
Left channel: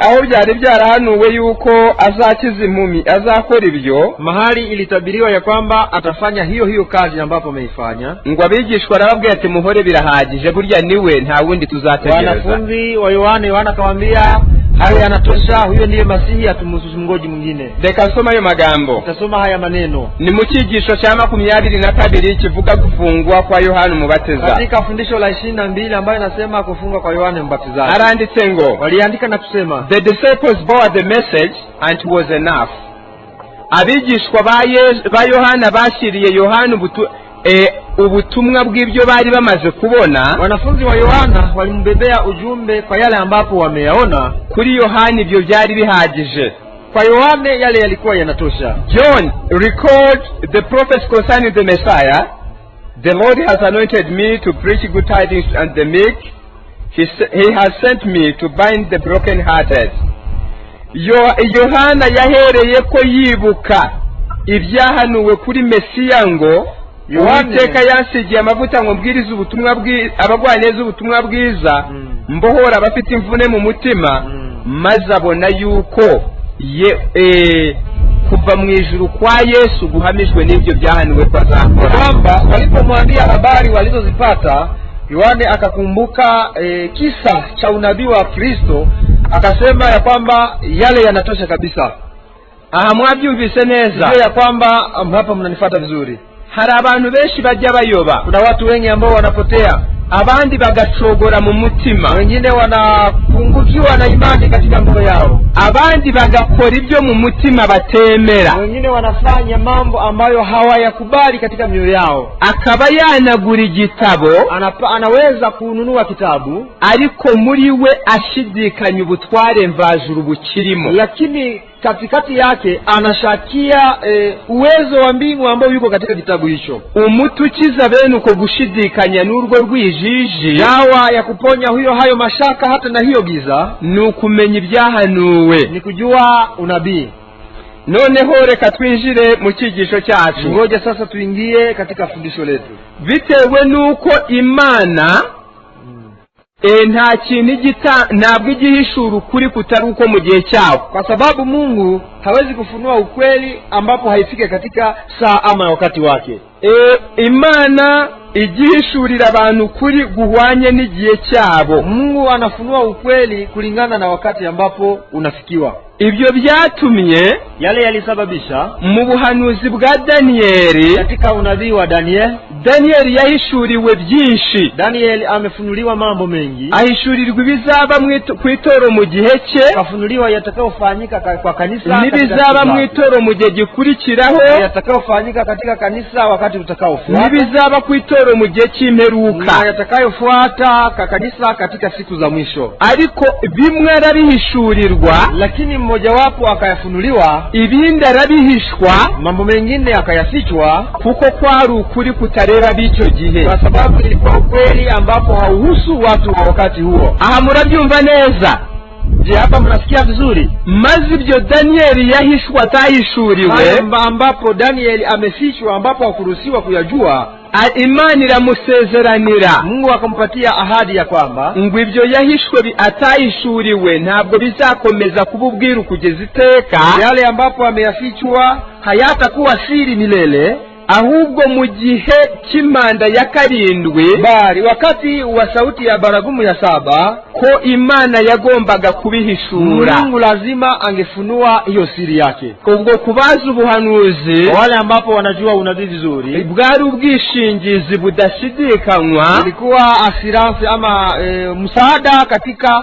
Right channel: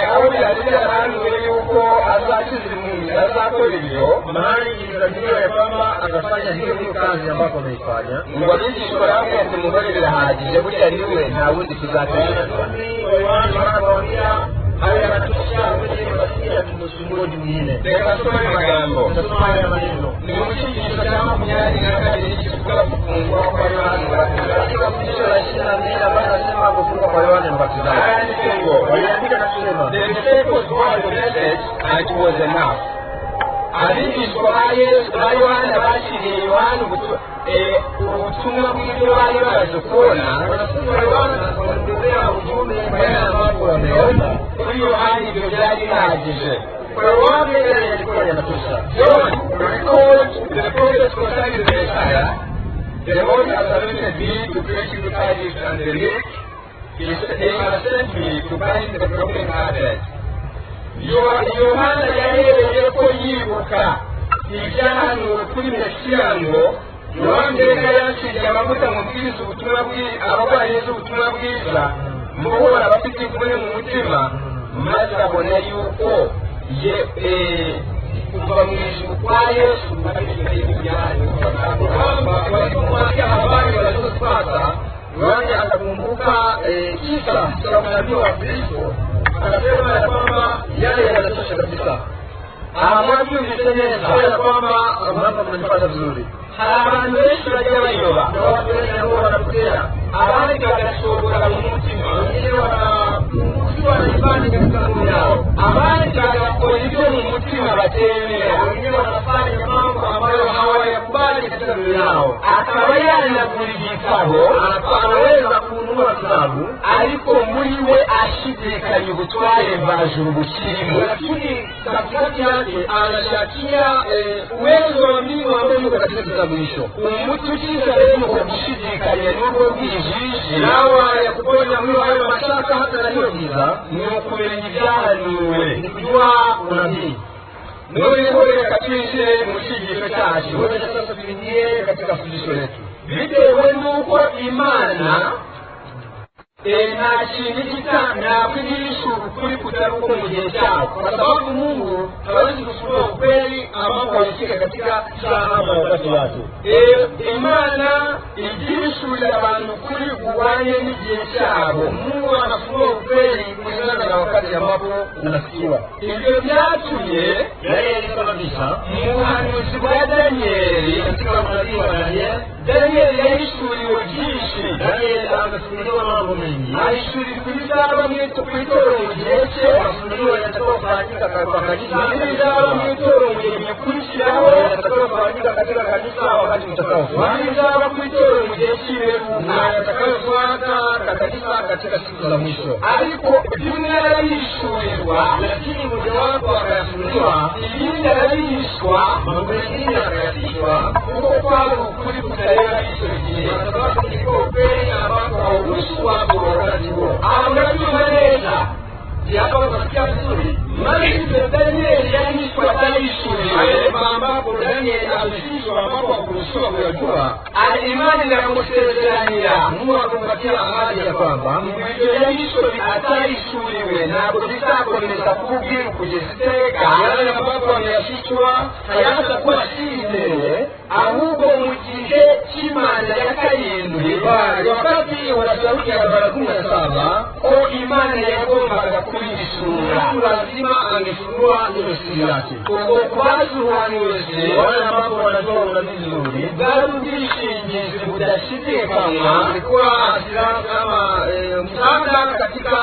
aho byari byarahanuwe yuko azakiza impumyi, azakora ibyo, mahali ilitabiriwa ya kwamba atafanya hiyo kazi ambapo ameifanya. Ngo abigishwa arababwira ati muhore birahagije, burya niwe nta wundi tuzategereza. Wanafunzi wa Yohana akawaambia hayo yanatosha, huyo ndiye Masihi, atumsungoje mwingine. Reka soma ayo magambo. Nasoma haya maneno. Ni mu cyigisho cya 22 kivuga gufungwa kwa Yohana Umubatiza. Katika fundisho la 22 ambayo nasema kufungwa kwa Yohana Mbatizaji. Aranditse ngo, waliandika na kusema, the disciples bore the message and it was enough. Abigishwa ba Yohana bashyiriye Yohana ubutumwa bw'ibyo bari bamaze kubona. Wanafunzi wa Yohana walimbebea ujumbe kwa yale ambapo wameyaona. Kuri Yohana ibyo byari bihagije. Kwa Yohana yale yalikuwa yanatosha. John records the prophets concerning the Messiah. The Lord has anointed me to preach good tidings and the meek. He has sent me to bind the broken-hearted. Yohana yahereye ko yibuka ibyahanuwe kuri Mesiya ngo Uwiteka yansigiye amavuta ngo mbwirize ubutumwa bwiza, abarwaye neza ubutumwa bwiza, mbohora abafite imvune mu mutima, maze abona yuko kuva mu ijuru kwa Yesu guhamijwe n'ibyo byahaniwe kwa Zakora. Kwamba walipomwambia habari walizozipata, Yohane akakumbuka kisa cha unabii wa Kristo, akasema ya kwamba yale yanatosha kabisa. Mwabyumvise neza ya kwamba hapo mnanifuata vizuri. Hari abantu benshi bajya bayoba, kuna watu wengi ambao wanapotea, abandi bagacogora mu mutima, wengine wanapungukiwa na imani katika moyo yao, abandi bagakora ibyo mu mutima batemera, wengine wanafanya mambo ambayo hawayakubali katika mioyo yao. Akaba yanagura igitabo, anaweza kununua kitabu, ariko muri we ashidikanya ubutware mvajuru bukirimo, lakini katikati yake anashakia uwezo wa mbingu ambao yuko katika kitabu hicho. Umuti ukiza bene uko gushidikanya n'urwo rwijiji, dawa ya kuponya hayo mashaka hata na hiyo giza, ni ukumenya ibyahanuwe, ni kujua unabii. Noneho reka twinjire mu cyigisho cyacu. Ngoja sasa tuingie katika fundisho letu. Bitewe nuko Imana nta kintu ntabwo igihishura ukuri kutari uko mu gihe cyabo, kwa sababu Mungu hawezi kufunua ukweli ambapo haifike katika saa ama wakati wake. Imana igihishurira abantu ukuri guhwanye n'igihe cyabo. Mungu anafunua ukweli kulingana na wakati ambapo unafikiwa. Ibyo byatumye yale yalisababisha mu buhanuzi bwa Danieli, katika unabii wa Danieli yahishuriwe byinshi. Danieli amefunuliwa mambo mengi, ahishurirwa ibizaba ku itoro mu gihe cye, afunuliwa yatakayofanyika kwa kanisa, n'ibizaba mu itoro mu gihe gikurikiraho, yatakayofanyika katika kanisa wakati utakaofuata, n'ibizaba ku itoro mu gihe cy'imperuka, yatakayofuata kanisa katika siku za mwisho. Ariko bimwe arabihishurirwa, lakini mmoja wapo akayafunuliwa, ibindi arabihishwa, mambo mengine akayafichwa, kuko kwari ukuri kutareba b'icyo gihe, kwa sababu ilikuwa ukweli ambapo hauhusu watu wa wakati huo. Aha murabyumva neza? Je, hapa mnasikia vizuri? Maze ibyo Danieli yahishwa atahishuriwe, ambapo Danieli amefichwa, ambapo hakuruhusiwa kuyajua, Imana iramusezeranira, Mungu akampatia ahadi ya kwamba ngo ibyo yahishwe atahishuriwe ntabwo bizakomeza kuba ubwiru kugeza iteka, yale ambapo ameyafichwa hayatakuwa siri milele, ahubwo mu gihe cy'imanda ya karindwi, bari wakati wa sauti ya baragumu ya 7, ko Imana yagombaga kubihishura. Mungu lazima angefunua hiyo siri yake. Ubwo kubaza ubuhanuzi, wale ambapo wanajua unabii vizuri, bwari ubwishingizi budashidikanywa, ilikuwa assurance ama msaada katika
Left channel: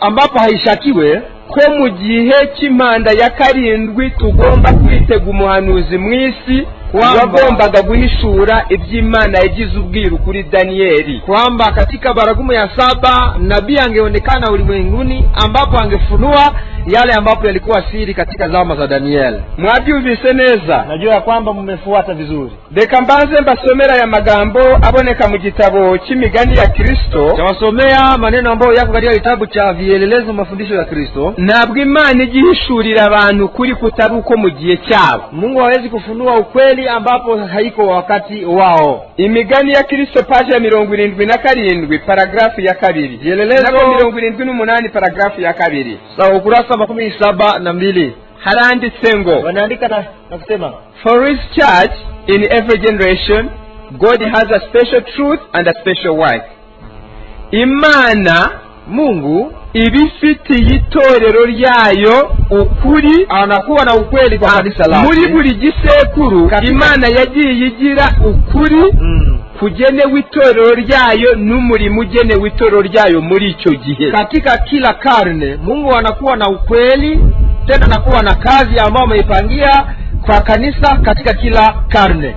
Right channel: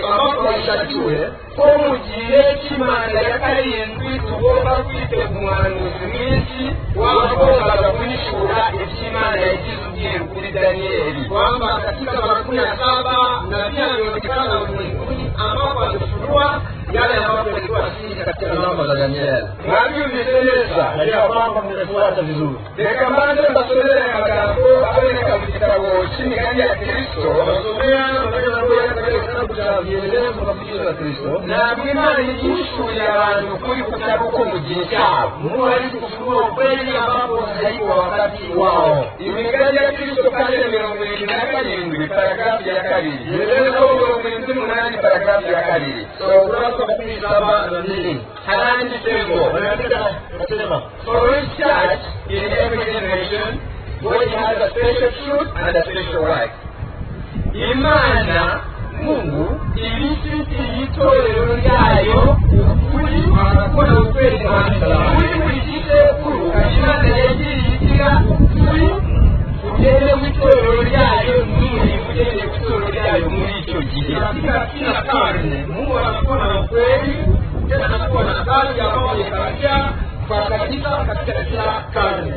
ambapo haishakiwe, ko mu gihe cy'imanda ya karindwi tugomba kwitega umuhanuzi mwisi wagombaga guhishura iby'Imana yagize ubwiru kuri Danieli, kwamba katika baragumu ya 7 nabii angeonekana ulimwenguni ambapo angefunua yale ambapo yalikuwa siri katika zama za Danieli. Mwabyumvise neza? Najua kwamba mmefuata vizuri. Reka mbanze mbasomera ya magambo aboneka mu gitabo cy'imigani ya Kristo. Tawasomea maneno ambayo yako katika kitabu cha vielelezo mafundisho ya Kristo. Ntabwo Imana igihishurira abantu kuri kutari uko mu gihe cyabo. Mungu hawezi kufunua ukweli ambapo haiko wakati wao. Imigani ya Kristo page ya 77 paragrafu ya 2. Vielelezo 78 paragrafu ya 2. Sawa, ukurasa 72 haranditse ngo, wanaandika na kusema, for his church in every generation God has a special truth and a special wife. Imana Mungu ibifitiye itorero ryayo ukuri, anakuwa na ukweli kwa kanisa lake. Muri buri gisekuru Imana yagiye igira ukuri kugenewe itorero ryayo n'umurimo ugenewe itorero ryayo muri icyo gihe. Katika kila karne Mungu anakuwa na ukweli, tena anakuwa na kazi ambayo ameipangia kwa kanisa katika kila karne.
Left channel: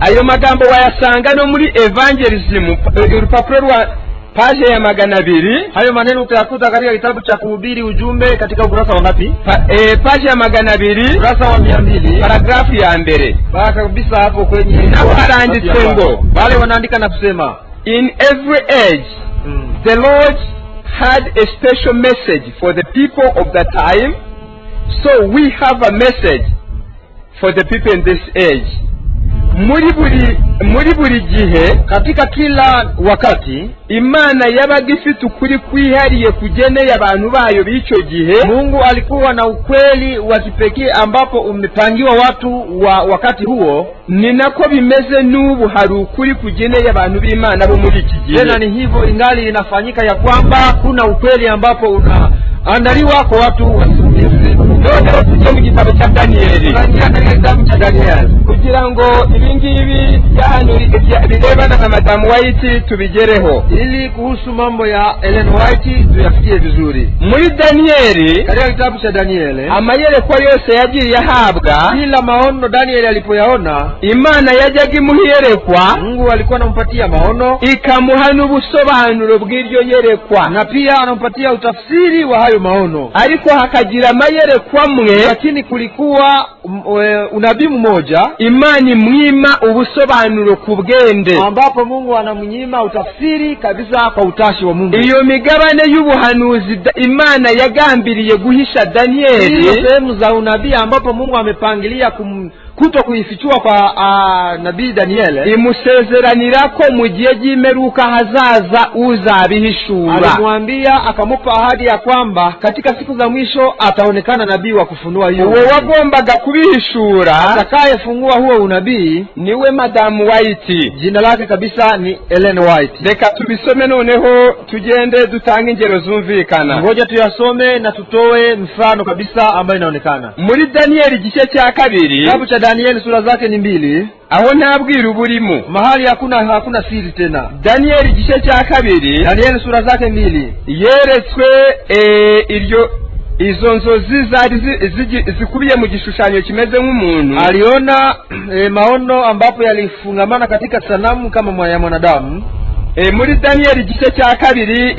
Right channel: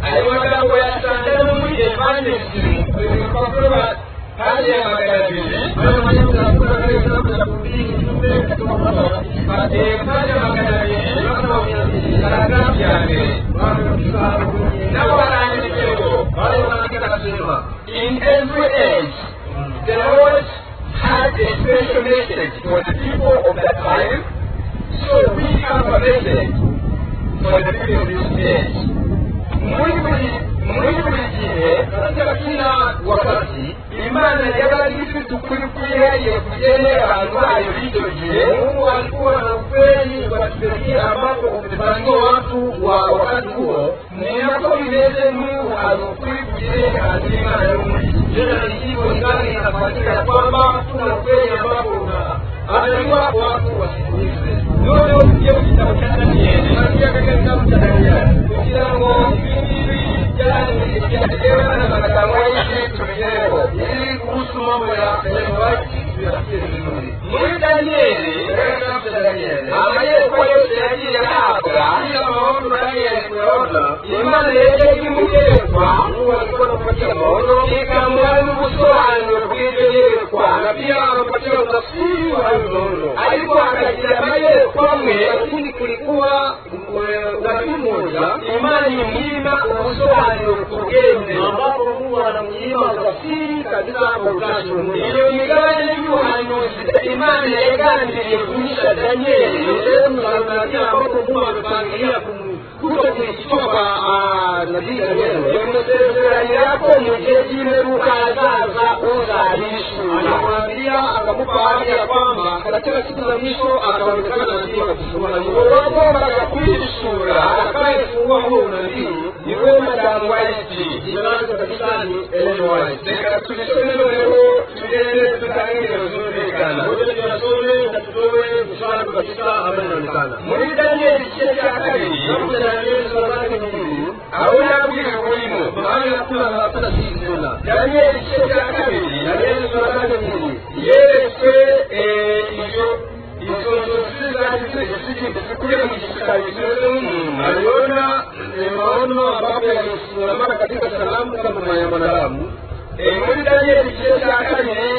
Ayo magambo wayasanga no muri evangelism, urupapuro rwa page ya 200. Hayo maneno utayakuta katika kitabu cha kuhubiri ujumbe katika ukurasa wa ngapi? Page ya 200, ukurasa wa 200, paragrafu ya 1. Baka kabisa hapo kwenye na baranditse ngo, wale wanaandika na kusema, in every age the Lord had a special message for the people of that time, so we have a message for the people in this age. muri buri gihe, katika kila wakati Imana yabaga ifite ukuri kwihariye kugeneye abantu bayo b'icyo gihe. Mungu alikuwa na ukweli wa kipekee ambapo umepangiwa watu wa wakati huo. Ni nako bimeze n'ubu, hari ukuri kugeneye abantu b'Imana bo muri iki gihe. Tena ni hivyo ingali inafanyika ya kwamba kuna ukweli ambapo unaandaliwa kwa watu wasikilize. Leo tujye mu gitabo cya Danieli. Kugira ngo ibingibi birebana na Madamu White tubigereho, ili kuhusu mambo ya Ellen White tuyafikie vizuri. Muri Danieli, katika kitabu cha Danieli, amayerekwa yose yagiye ahabwa, kila maono Danieli alipoyaona, Imana yajyaga imuherekwa, Mungu alikuwa anampatia maono, ikamuha n'ubusobanuro bw'iryo yerekwa, na pia anampatia utafsiri wa hayo maono. Ariko hakagira amayerekwa mwe, lakini kulikuwa unabii mmoja Imana imwima ubusobanuro ku bwende, ambapo Mungu anamnyima utafsiri kabisa kwa utashi wa Mungu. Iyo migabane y'ubuhanuzi Imana yagambiriye guhisha Danieli, sehemu za unabii ambapo Mungu amepangilia kuto kuifichua kwa nabii Danieli, imusezeranira ko mu gihe cy'imperuka hazaza uzabihishura. Alimwambia, akamupa ahadi ya kwamba katika siku za mwisho ataonekana nabii wa kufunua hiyo. Uwo wagombaga kubihishura, atakayefungua huo unabii niwe Madamu White. Jina lake kabisa ni Ellen White. Reka tubisome noneho tugende dutanga ingero zumvikana. Ngoja tuyasome na tutoe mfano kabisa ambayo inaonekana. Muri Danieli igice cya kabiri, kitabu cha Danieli sura zake ni 2, aho nabwira uburimo, mahali hakuna siri tena. Danieli igice cya kabiri, Danieli sura zake 2, yeretswe izo nzozi zari zikubiye mu gishushanyo kimeze nk'umuntu. Aliona maono ambapo yalifungamana katika sanamu kama ya mwanadamu. Muri Danieli igice cya kabiri,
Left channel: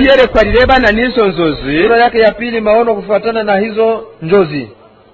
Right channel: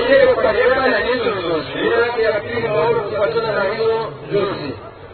iyerekwa rirebana n'izo nzozi, sura yake ya 2, maono kufuatana na hizo njozi.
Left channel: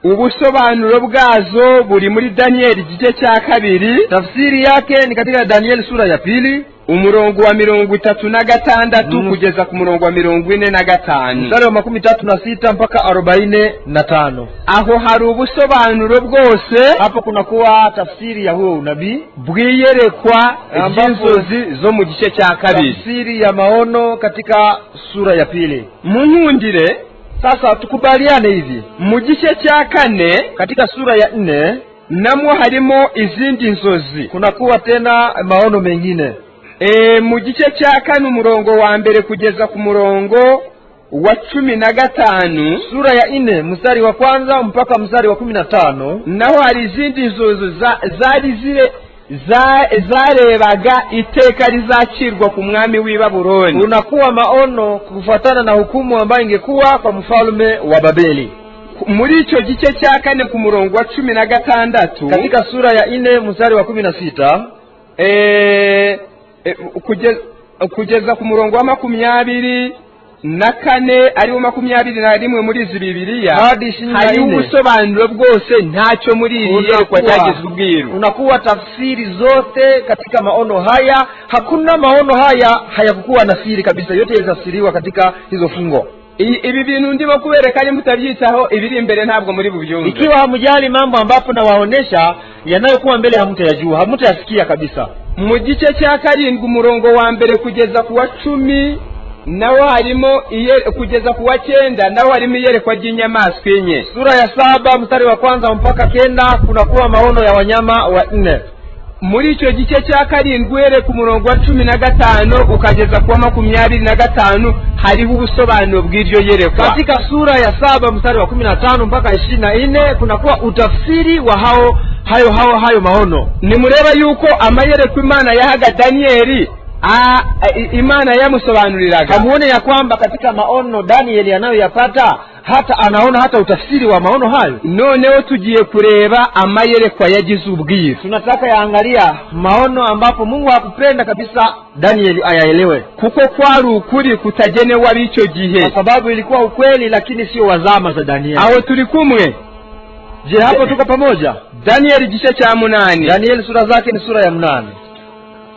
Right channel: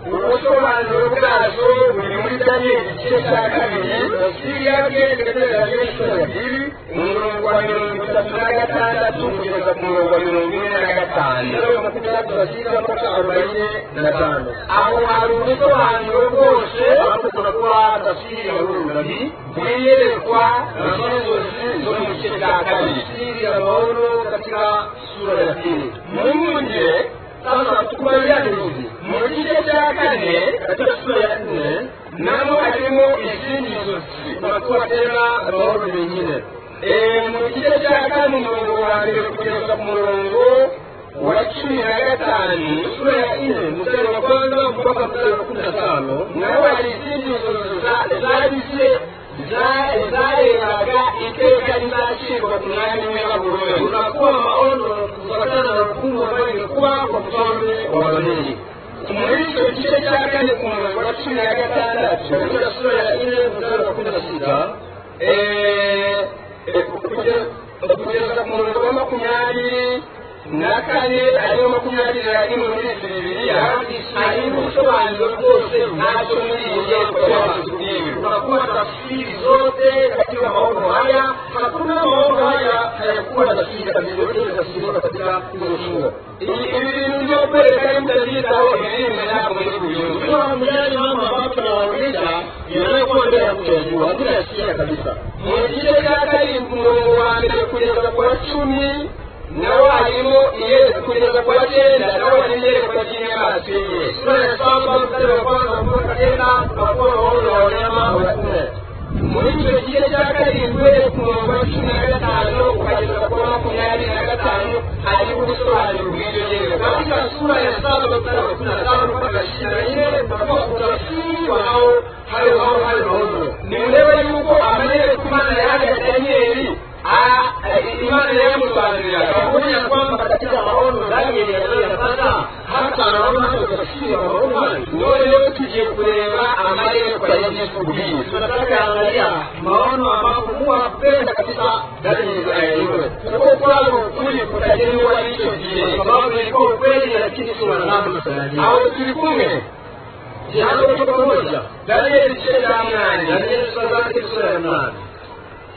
Ubusobanuro bwazo buri muri Danieli igice cya kabiri, tafsiri yake ni katika Danieli sura ya 2, umurongo wa 36 kugeza ku murongo wa 45, mstari wa 36 mpaka 45. Aho hari ubusobanuro bwose, hapo kuna kuwa tafsiri ya huo unabii bwiyerekwa inzozi zo mu gice cya kabiri, tafsiri ya maono katika sura ya 2. Munkundire sasa tukubaliane hivi, mu gice cya 4 katika sura ya 4 namwo harimo izindi nzozi, kunakuwa tena maono mengine. Mu gice cya 4 umurongo wa mbere kugeza ku murongo wa 15, sura ya 4 mstari wa kwanza mpaka mstari wa 15, naho hari izindi nzozi zari zarebaga iteka rizacirwa ku mwami w'i Babuloni. Unakuwa maono kufuatana na hukumu ambayo ingekuwa kwa mfalme wa Babeli. Muri icyo gice cya 4 ku murongo wa 16, katika sura ya 4 mstari wa 16, kugeza ku murongo wa 24 ariwo 21 muri izi Bibiliya, hari ubusobanuro bwose ntacyo muri iri yerekwa cyagizwe ubwiru. Unakuwa tafsiri zote katika maono haya, hakuna maono haya hayakuwa na siri kabisa, yote yalitafsiriwa katika hizo fungo. Ibi bintu ndimo kubereka ari mutabyitaho, ibiri imbere ntabwo muri bubyumve. Ikiwa hamujali mambo ambapo na waonesha yanayokuwa mbele hamutayajua, hamutayasikia kabisa. Mu gice cya 7 umurongo wa mbere kugeza ku wa 10 nawo harimo kugeza ku wa 9 nawo harimo iyerekwa ry'inyamaswa enye. Sura ya 7 mstari wa kwanza mpaka 9 kunakuwa maono ya wanyama wa 4. Muri icyo gice cya 7 uhereye ku murongo wa 15 ukageza ku wa 25 hariho ubusobanuro bw'iryo yerekwa. Katika sura ya 7 mstari wa 15 mpaka 24 kunakuwa utafsiri wa hayo maono. Nimureba yuko amayerekwa Imana yahaga Danieli, Imana yamusobanuriraga. Muone ya kwamba katika maono Danieli anayoyapata hata anaona hata utafsiri wa maono hayo. Noneho tugiye kureba amayerekwa yagize ubwiru. Tunataka yaangalia maono ambapo Mungu hakupenda kabisa Danieli ayaelewe, kuko kwari ukuri kutagenewe ab'icyo gihe, kwa sababu ilikuwa ukweli lakini sio wazama za Danieli. Aho turi kumwe. Je, hapo tuko pamoja? Danieli igice cya 8. Danieli sura zake ni sura ya 8.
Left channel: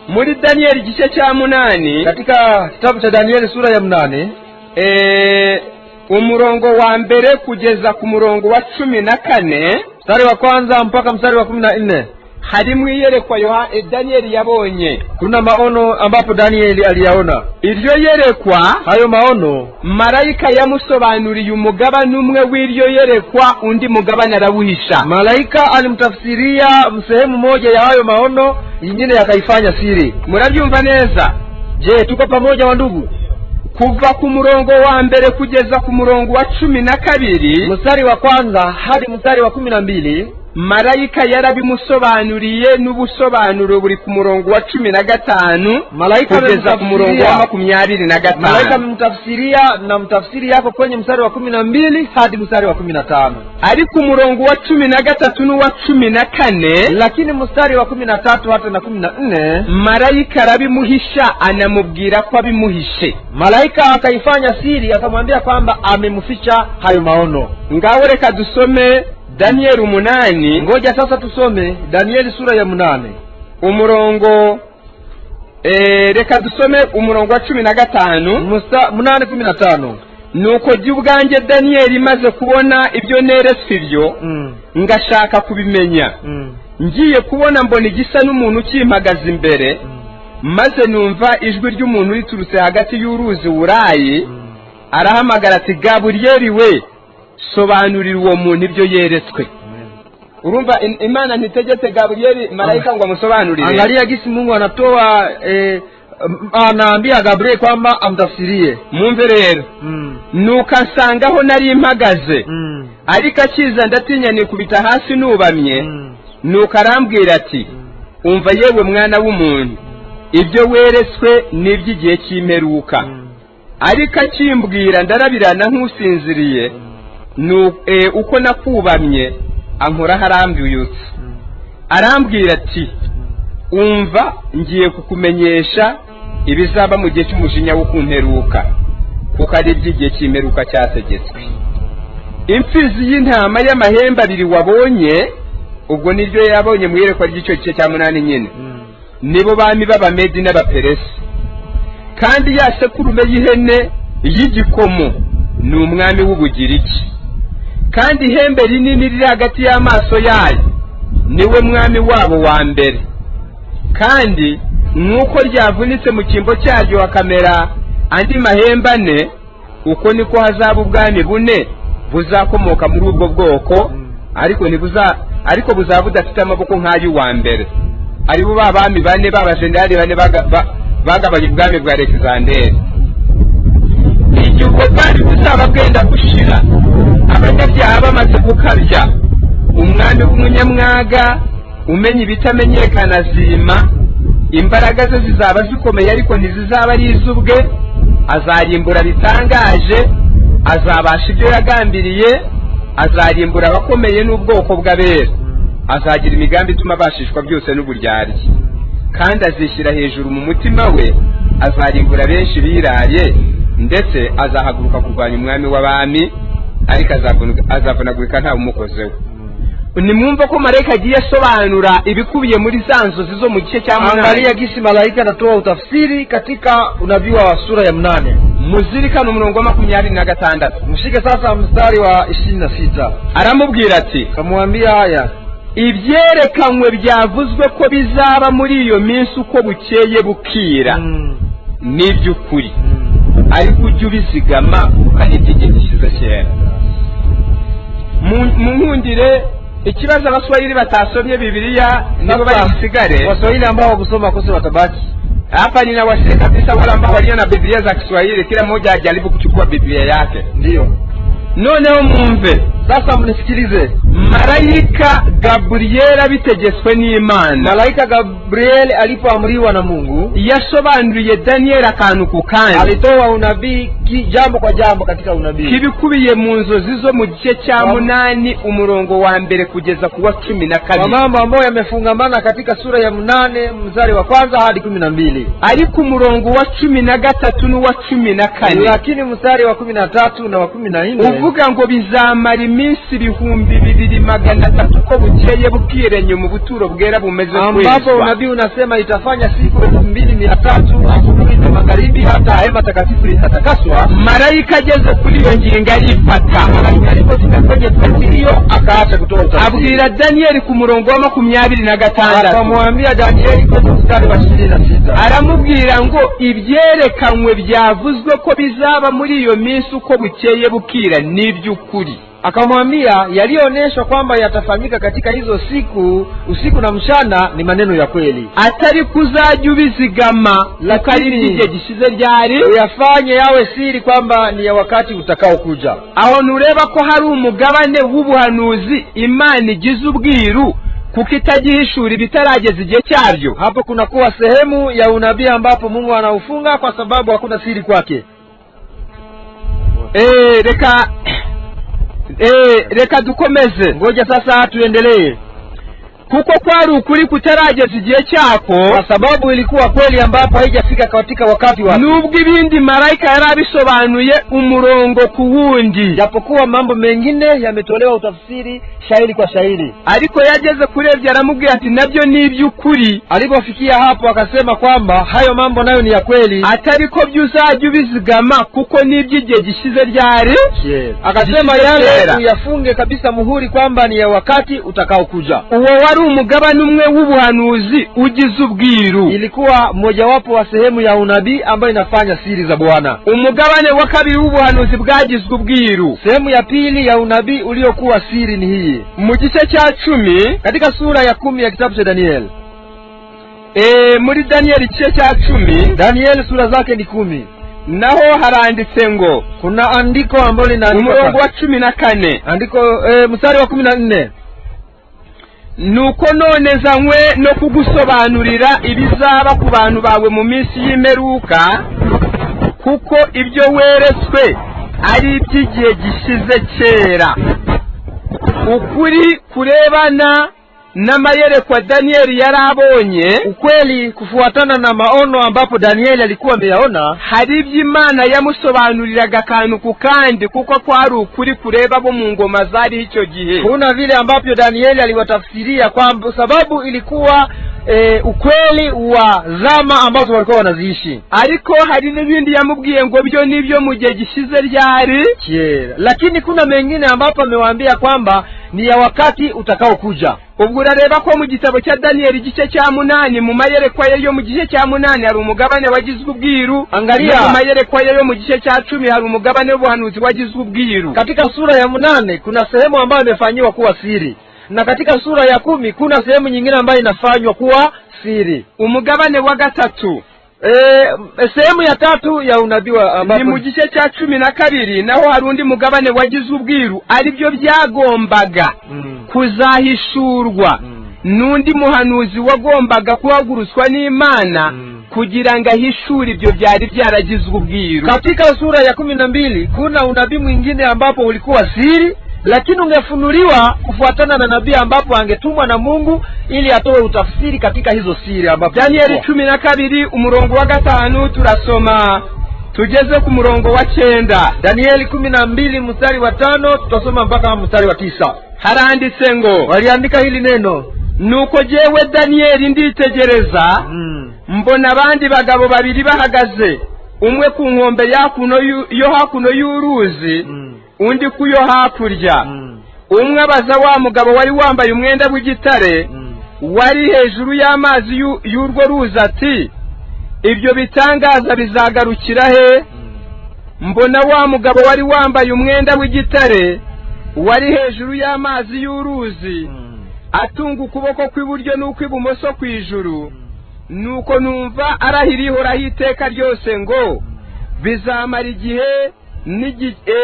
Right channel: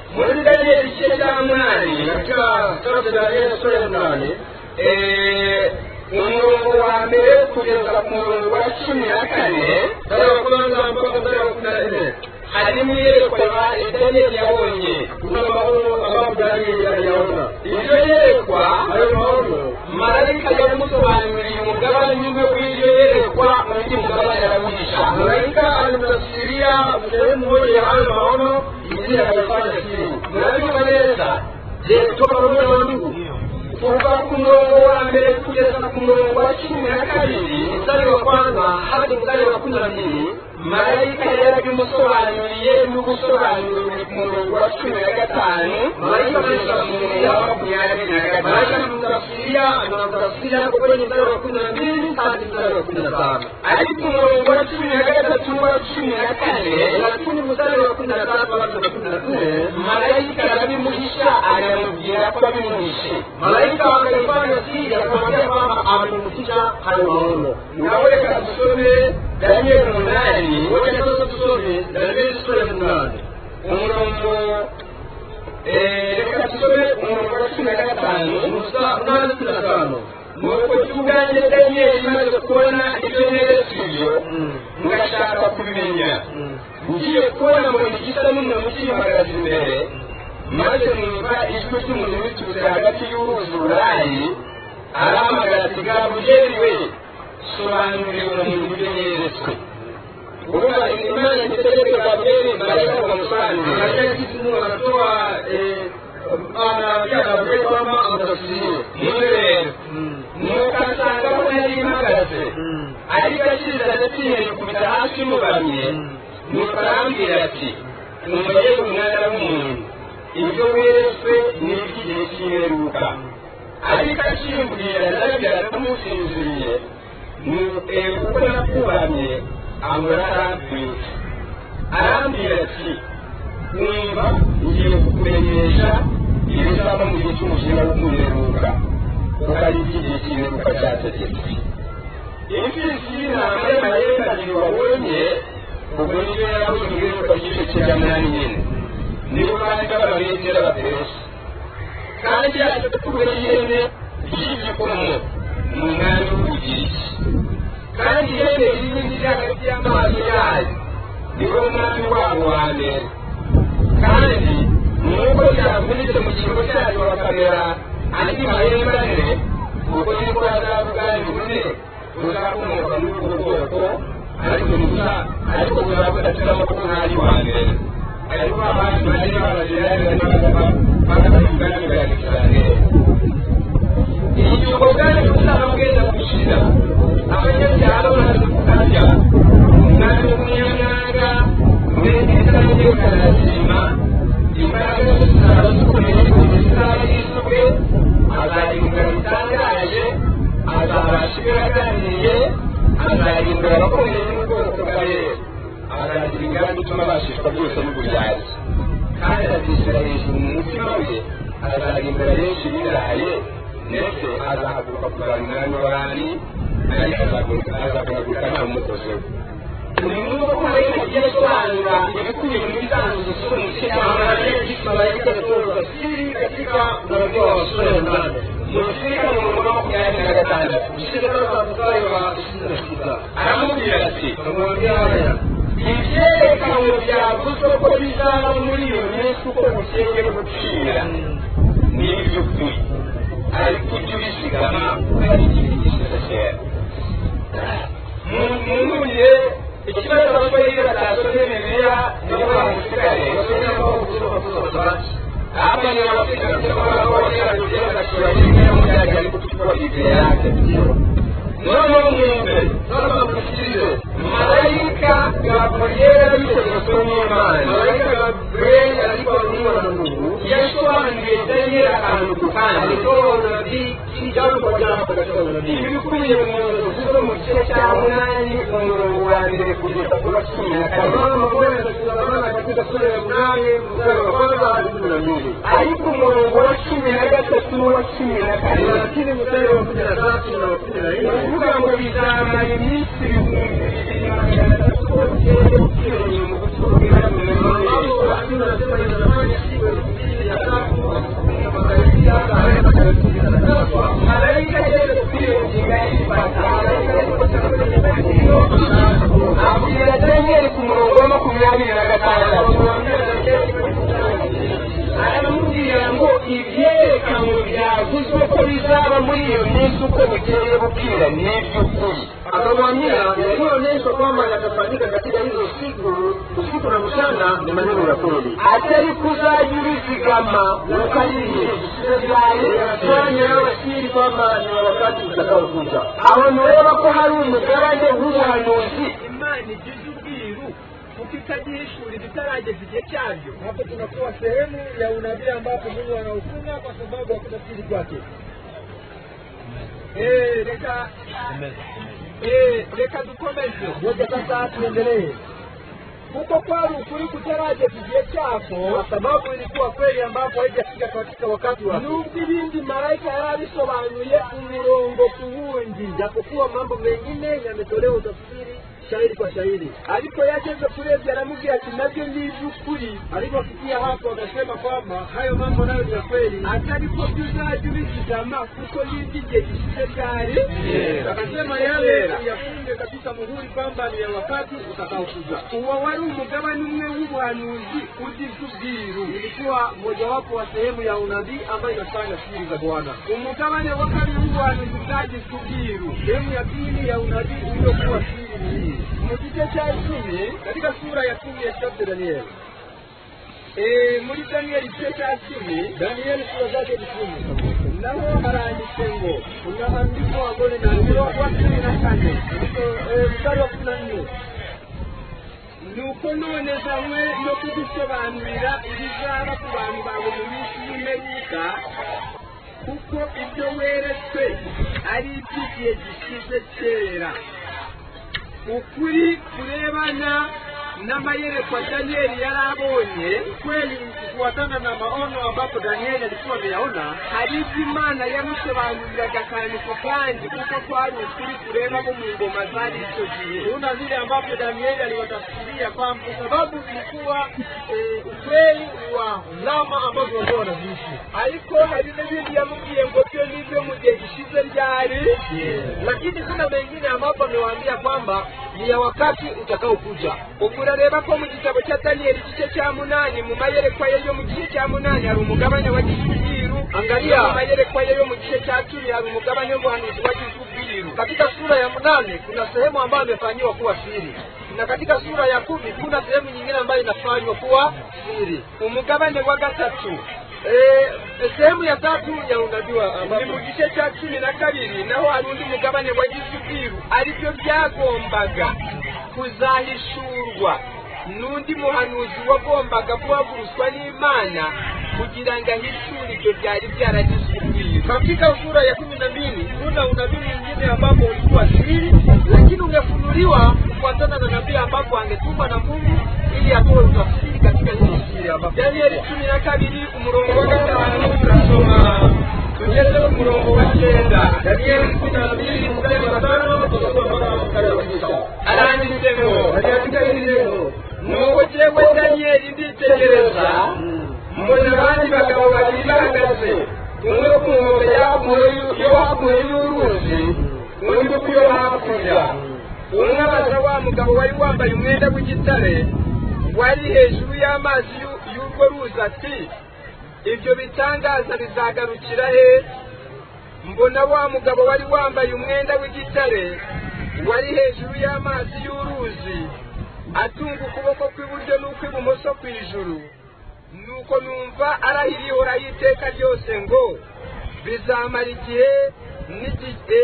Muri Danieli igice cya 8, katika kitabu cha Danieli sura ya 8, umurongo wa mbere kugeza ku murongo wa 14, mstari wa kwanza mpaka mstari wa 14, harimo iyerekwa Danieli yabonye. Kuna maono ambapo Danieli aliyaona. Iryo yerekwa, hayo maono, malaika yamusobanuriye umugabane umwe w'iryo yerekwa, undi mugabane arawuhisha. Malaika alimtafsiria sehemu moja ya hayo maono, nyingine yakaifanya siri. Murabyumva neza? Je, tuko pamoja wa ndugu? Kuva ku murongo wa mbere kugeza ku murongo wa 12, mstari wa kwanza hadi mstari wa 12, malaika yarabimusobanuriye n'ubusobanuro buri ku murongo wa 15 malaika kugeza ku murongo wa 25. Malaika mtafsiria na mtafsiri yako kwenye mstari wa 12 hadi mstari wa 15. Ari ku murongo wa 13 n'uwa 14, lakini mstari wa 13 hadi na 14 malaika arabimuhisha, anamubwira ko abimuhishe. Malaika akaifanya siri, akamwambia kwamba amemficha hayo maono. Ngaho reka dusome Danieli 8. Ngoja sasa tusome Danieli sura ya 8. Umurongo reka dusome umurongo wa 15. 8:15. Nuko by'ubwanjye Danieli maze kubona ibyo neretswe ibyo, ngashaka kubimenya. Ngiye kubona mbona igisa n'umuntu ukimpagaze imbere, maze numva ijwi ry'umuntu riturutse hagati y'uruzi Urayi, arahamagara ati, Gaburiyeli we, sobanurira uwo muntu ibyo yeretswe. Urumva Imana ntitegetse Gaburiyeli malaika ngo amusobanurire. Angalia gisi Mungu anatoa anaambia Gabriel kwamba amtafsirie. Mwumve rero. Nuko asangaho nari impagaze, ariko akiza ndatinya nikubita hasi nubamye. Nuko arambwira ati, umva yewe mwana w'umuntu, ibyo weretswe n'iby'igihe cy'imperuka. Ariko akimbwira ndarabirana nk'usinziriye, uko nakubamye ankora harambiye uti. Arambwira ati, umva ngiye kukumenyesha ibizaba mu gihe cy'umujinya wo kumperuka, kuko ari iby'igihe cy'imperuka cyategetswe. Imfizi y'intama y'amahembe 2 wabonye, ubwo nibyo yabonye mu yerekwa ry'icyo gice cya 8 nyine, nibo bami b'Abamedi n'Abaperesi. Kandi ya sekurume y'ihene y'igikomo ni umwami w'Ubugiriki, kandi ihembe rinini riri hagati y'amaso yayo niwe mwami wabo wa mbere. Kandi nk'uko ryavunitse mu cyimbo cyaryo hakamera andi mahembe 4, uko niko hazaba ubwami 4 buzakomoka muri ubwo bwoko, ariko buzaba budafite amaboko nk'ay'uwa mbere. Aribo babami 4 b'abazendari 4 bagabanye ubwami bwa Alexander. Igihe ubwo bwari buzaba bwenda gushira, abanyabyaha bamaze gukabya, umwami w'umunyamwaga umenya ibitamenyekana zima, imbaraga ze zizaba zikomeye ariko ntizizaba ari iz'ubwe, azarimbura bitangaje, azabasha ibyo yagambiriye, azarimbura abakomeye n'ubwoko bw'abera, azagira imigambi ituma abashishwa byose n'uburyarya, kandi azishyira hejuru mu mutima we, azarimbura benshi biraye, ndetse azahaguruka kurwanya umwami w'abami, ariko azavunagurika nta umukozeho. Nimwumva ko malaika agiye asobanura ibikubiye muri za nzozi zo mu gice cya 8. Angalia gisi malaika anatoa utafsiri katika unabii wa sura ya 8. Muzirikana umurongo 26. Mshike sasa mstari wa 26. Aramubwira ati, kamwambia haya, ibyerekanywe byavuzwe ko bizaba muri iyo minsi uko bukeye bukira, n'iby'ukuri, ariko ujye ubizigama ari igihe cy'isosiyete. Muhungire ikibazo abaswahili batasomye Biblia nabo bayisigare. Waswahili ambao kusoma kosa watabaki hapa. Ninawasema kabisa wale ambao walio na Biblia za Kiswahili, kila mmoja ajaribu kuchukua Biblia yake. Ndio noneho mwumve sasa, mnisikilize. Malaika Gabriel bitegetswe n'Imana. Malaika Gabriel alipoamriwa na Mungu yasobanuriye Daniel akantu ku kandi, alitoa unabii jambo kwa jambo katika unabii kibikubiye mu nzozi zo mu gice cya 8 umurongo wa mbere kugeza ku wa 12, mambo ambayo yamefungamana katika sura ya 8 mstari wa 1 hadi 12, ariko umurongo wa 13 n'uwa 14, lakini mstari wa 13 na wa 14 uvuga ngo bizamara iminsi 2,200 magana atatu ko bukeye bukirenya mu buturo bwera bumeze ambapo unabii unasema itafanya siku 2300 asubuhi na magharibi hata hema takatifu itatakaswa. Malaika ageze kuri iyo ngingo arifata, hiyo akaacha kutoka. Abwira Danieli ku murongo wa 26, akamwambia Danieli kwa mstari wa 26, aramubwira ngo ibyerekanwe byavuzwe ko bizaba muri iyo minsi uko bukeye bukira ni by'ukuri. Akamwambia yaliyoonyeshwa kwamba yatafanyika katika hizo siku usiku na mchana ni maneno ya kweli, atari kuzajya ubizigama lakini igihe gishize byari yafanye yawe siri kwamba ni ya wakati utakao kuja. Aho nureba ko hari umugabane w'ubuhanuzi Imana igize ubwiru kuko itagihishura bitarageza igihe cyaryo. Hapo kuna kuwa sehemu ya unabii ambapo Mungu anaufunga kwa sababu hakuna siri kwake. Reka dukomeze, ngoja sasa tuendelee. Kuko kwari ukuri kutarageza igihe cyako, kwa sababu ilikuwa kweli ambapo haijafika katika wakati wake. Nubwo ibindi malaika yarabisobanuye umurongo ku wundi, japokuwa mambo mengine yametolewa utafsiri shairi kwa shairi, ariko yageze kurebya aramubwira ati nabyo ni iby'ukuri. Alipofikia hapo akasema kwamba hayo mambo nayo ni ya kweli, atari ko byuzajya ubizigama kuko n'iby'igihe gishize ryari. Akasema yale uyafunge kabisa muhuri kwamba ni ya wakati utakao kuja. Uwo wari umugabane umwe w'ubuhanuzi ugize ubwiru, ilikuwa mojawapo wa sehemu ya unabii ambayo inafanya siri za Bwana. Umugabane wa kabiri w'ubuhanuzi bwagizwe ubwiru, sehemu ya pili ya unabii uliokuwa siri ni hii. Mu gice cya 10 katika sura ya 10 ya kitabu cha Daniel. Muri Daniel igice cya 10, Daniel sura zake ni 10. Naho haranditse ngo, kuna andiko ambalo linaandikwa umurongo wa 14, andiko mstari wa 14, nuko none zanywe no kugusobanurira ibizaba ku bantu bawe mu minsi y'imperuka, kuko ibyo weretswe ari iby'igihe gishize kera. Ukuri kurebana n'amayerekwa Danieli yarabonye, ukweli kufuatana na maono ambapo Danieli alikuwa ameyaona, hari iby'Imana yamusobanuriraga akantu ku kandi kuko kwari ukuri kureba bo mu ngoma zari icyo gihe. Kuna vile ambapo Danieli aliwatafsiria kwamba sababu ilikuwa ukweli wa zama ambazo walikuwa wanaziishi, ariko hari n'ibindi yamubwiye ngo byo nibyo mu gihe gishize ryari. Lakini kuna mengine ambapo amewaambia kwamba ni ya wakati utakao kuja. Ubwo urareba ko mu gitabo cya Daniel igice cya 8 mu mayerekwa yo mu gice cya 8 hari umugabane wagizwe ubwiru. Angalia mu mayerekwa yo mu gice cya 10 hari umugabane w'ubuhanuzi wagizwe ubwiru. Katika sura ya 8 kuna sehemu ambayo imefanywa kuwa siri, na katika sura ya 10 kuna sehemu nyingine ambayo inafanywa kuwa siri. Umugabane wa gatatu, sehemu ya 3 ya unabii ni mu gice cya 12, naho hari undi mugabane wagizwe ubwiru, ari byo byagombaga kuzahishurwa n'undi muhanuzi wagombaga kuhaguruswa n'Imana kugira ngo ahishure ibyo byari byaragizwe ubwiru. Katika sura ya 12 kuna unabii mwingine ambapo ulikuwa siri, lakini ungefunuliwa kufuatana na nabii ambapo angetumwa na Mungu ili atoe utafsiri katika hizo siri. Ambapo Danieli 12 umurongo wa 5 turasoma tugeze ku murongo wa 9. Danieli 12 mstari wa 5 tutasoma mpaka mstari wa 9. Haranditse ngo, waliandika hili neno, nuko jewe Danieli nditegereza, mbona abandi bagabo babiri bahagaze, umwe ku nkombe yo hakuno y'uruzi, undi ku yo hakurya. Umwe abaza wa mugabo wari wambaye umwenda w'igitare wari hejuru y'amazi y'urwo ruzi ati, ibyo bitangaza bizagarukira he? Mbona wa mugabo wari wambaye umwenda w'igitare wari hejuru y'amazi y'uruzi atunga ukuboko kw'iburyo n'ukw'ibumoso kw'ijuru, nuko numva arahirihoraho iteka ryose ngo bizamara igihe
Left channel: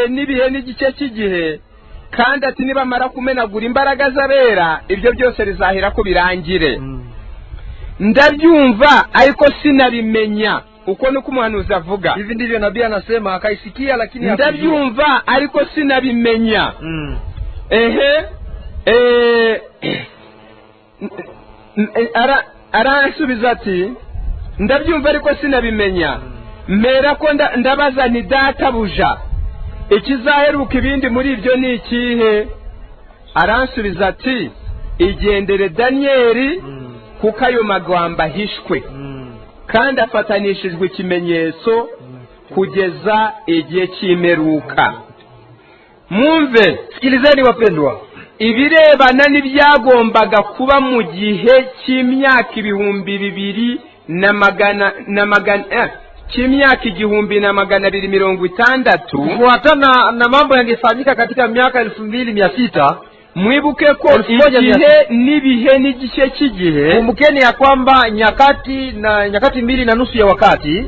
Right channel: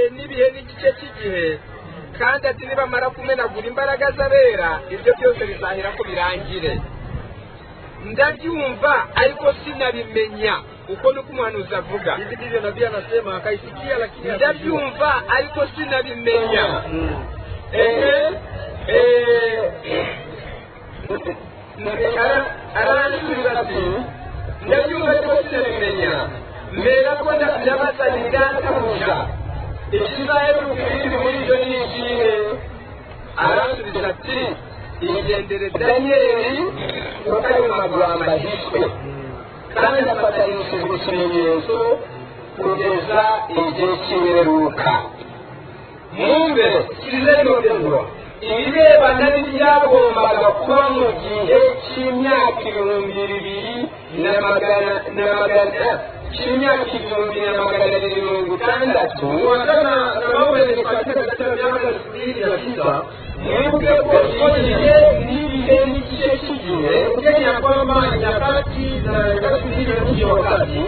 n'ibihe n'igice cy'igihe, kandi ati nibamara kumenagura imbaraga z'abera ibyo byose bizahira ko birangire. Ndabyumva ariko sinabimenya. Uko nuko umuhanuzi avuga. Hivi ndivyo nabii anasema, akaisikia lakini ndabyumva ariko sinabimenya. Aransubiza ati, ndabyumva ariko sinabimenya. Mera ko ndabaza nti databuja, ikizaheruka ibindi muri ibyo ni ikihe? aransubiza ati igendere Daniyeli kuko ayo magambo ahishwe kandi afatanishijwe ikimenyetso kugeza igihe cy'imperuka. Mwumve, sikilizeni wapendwa, ibirebana n'ibyagombaga kuba mu gihe cy'imyaka 2,260 cy'imyaka 1,260 kufuatana na mambo yangefanyika katika miaka 2600. Mwibuke ko igihe n'ibihe n'igice cy'igihe, kumbukeni ya kwamba nyakati mbili na nusu ya wakati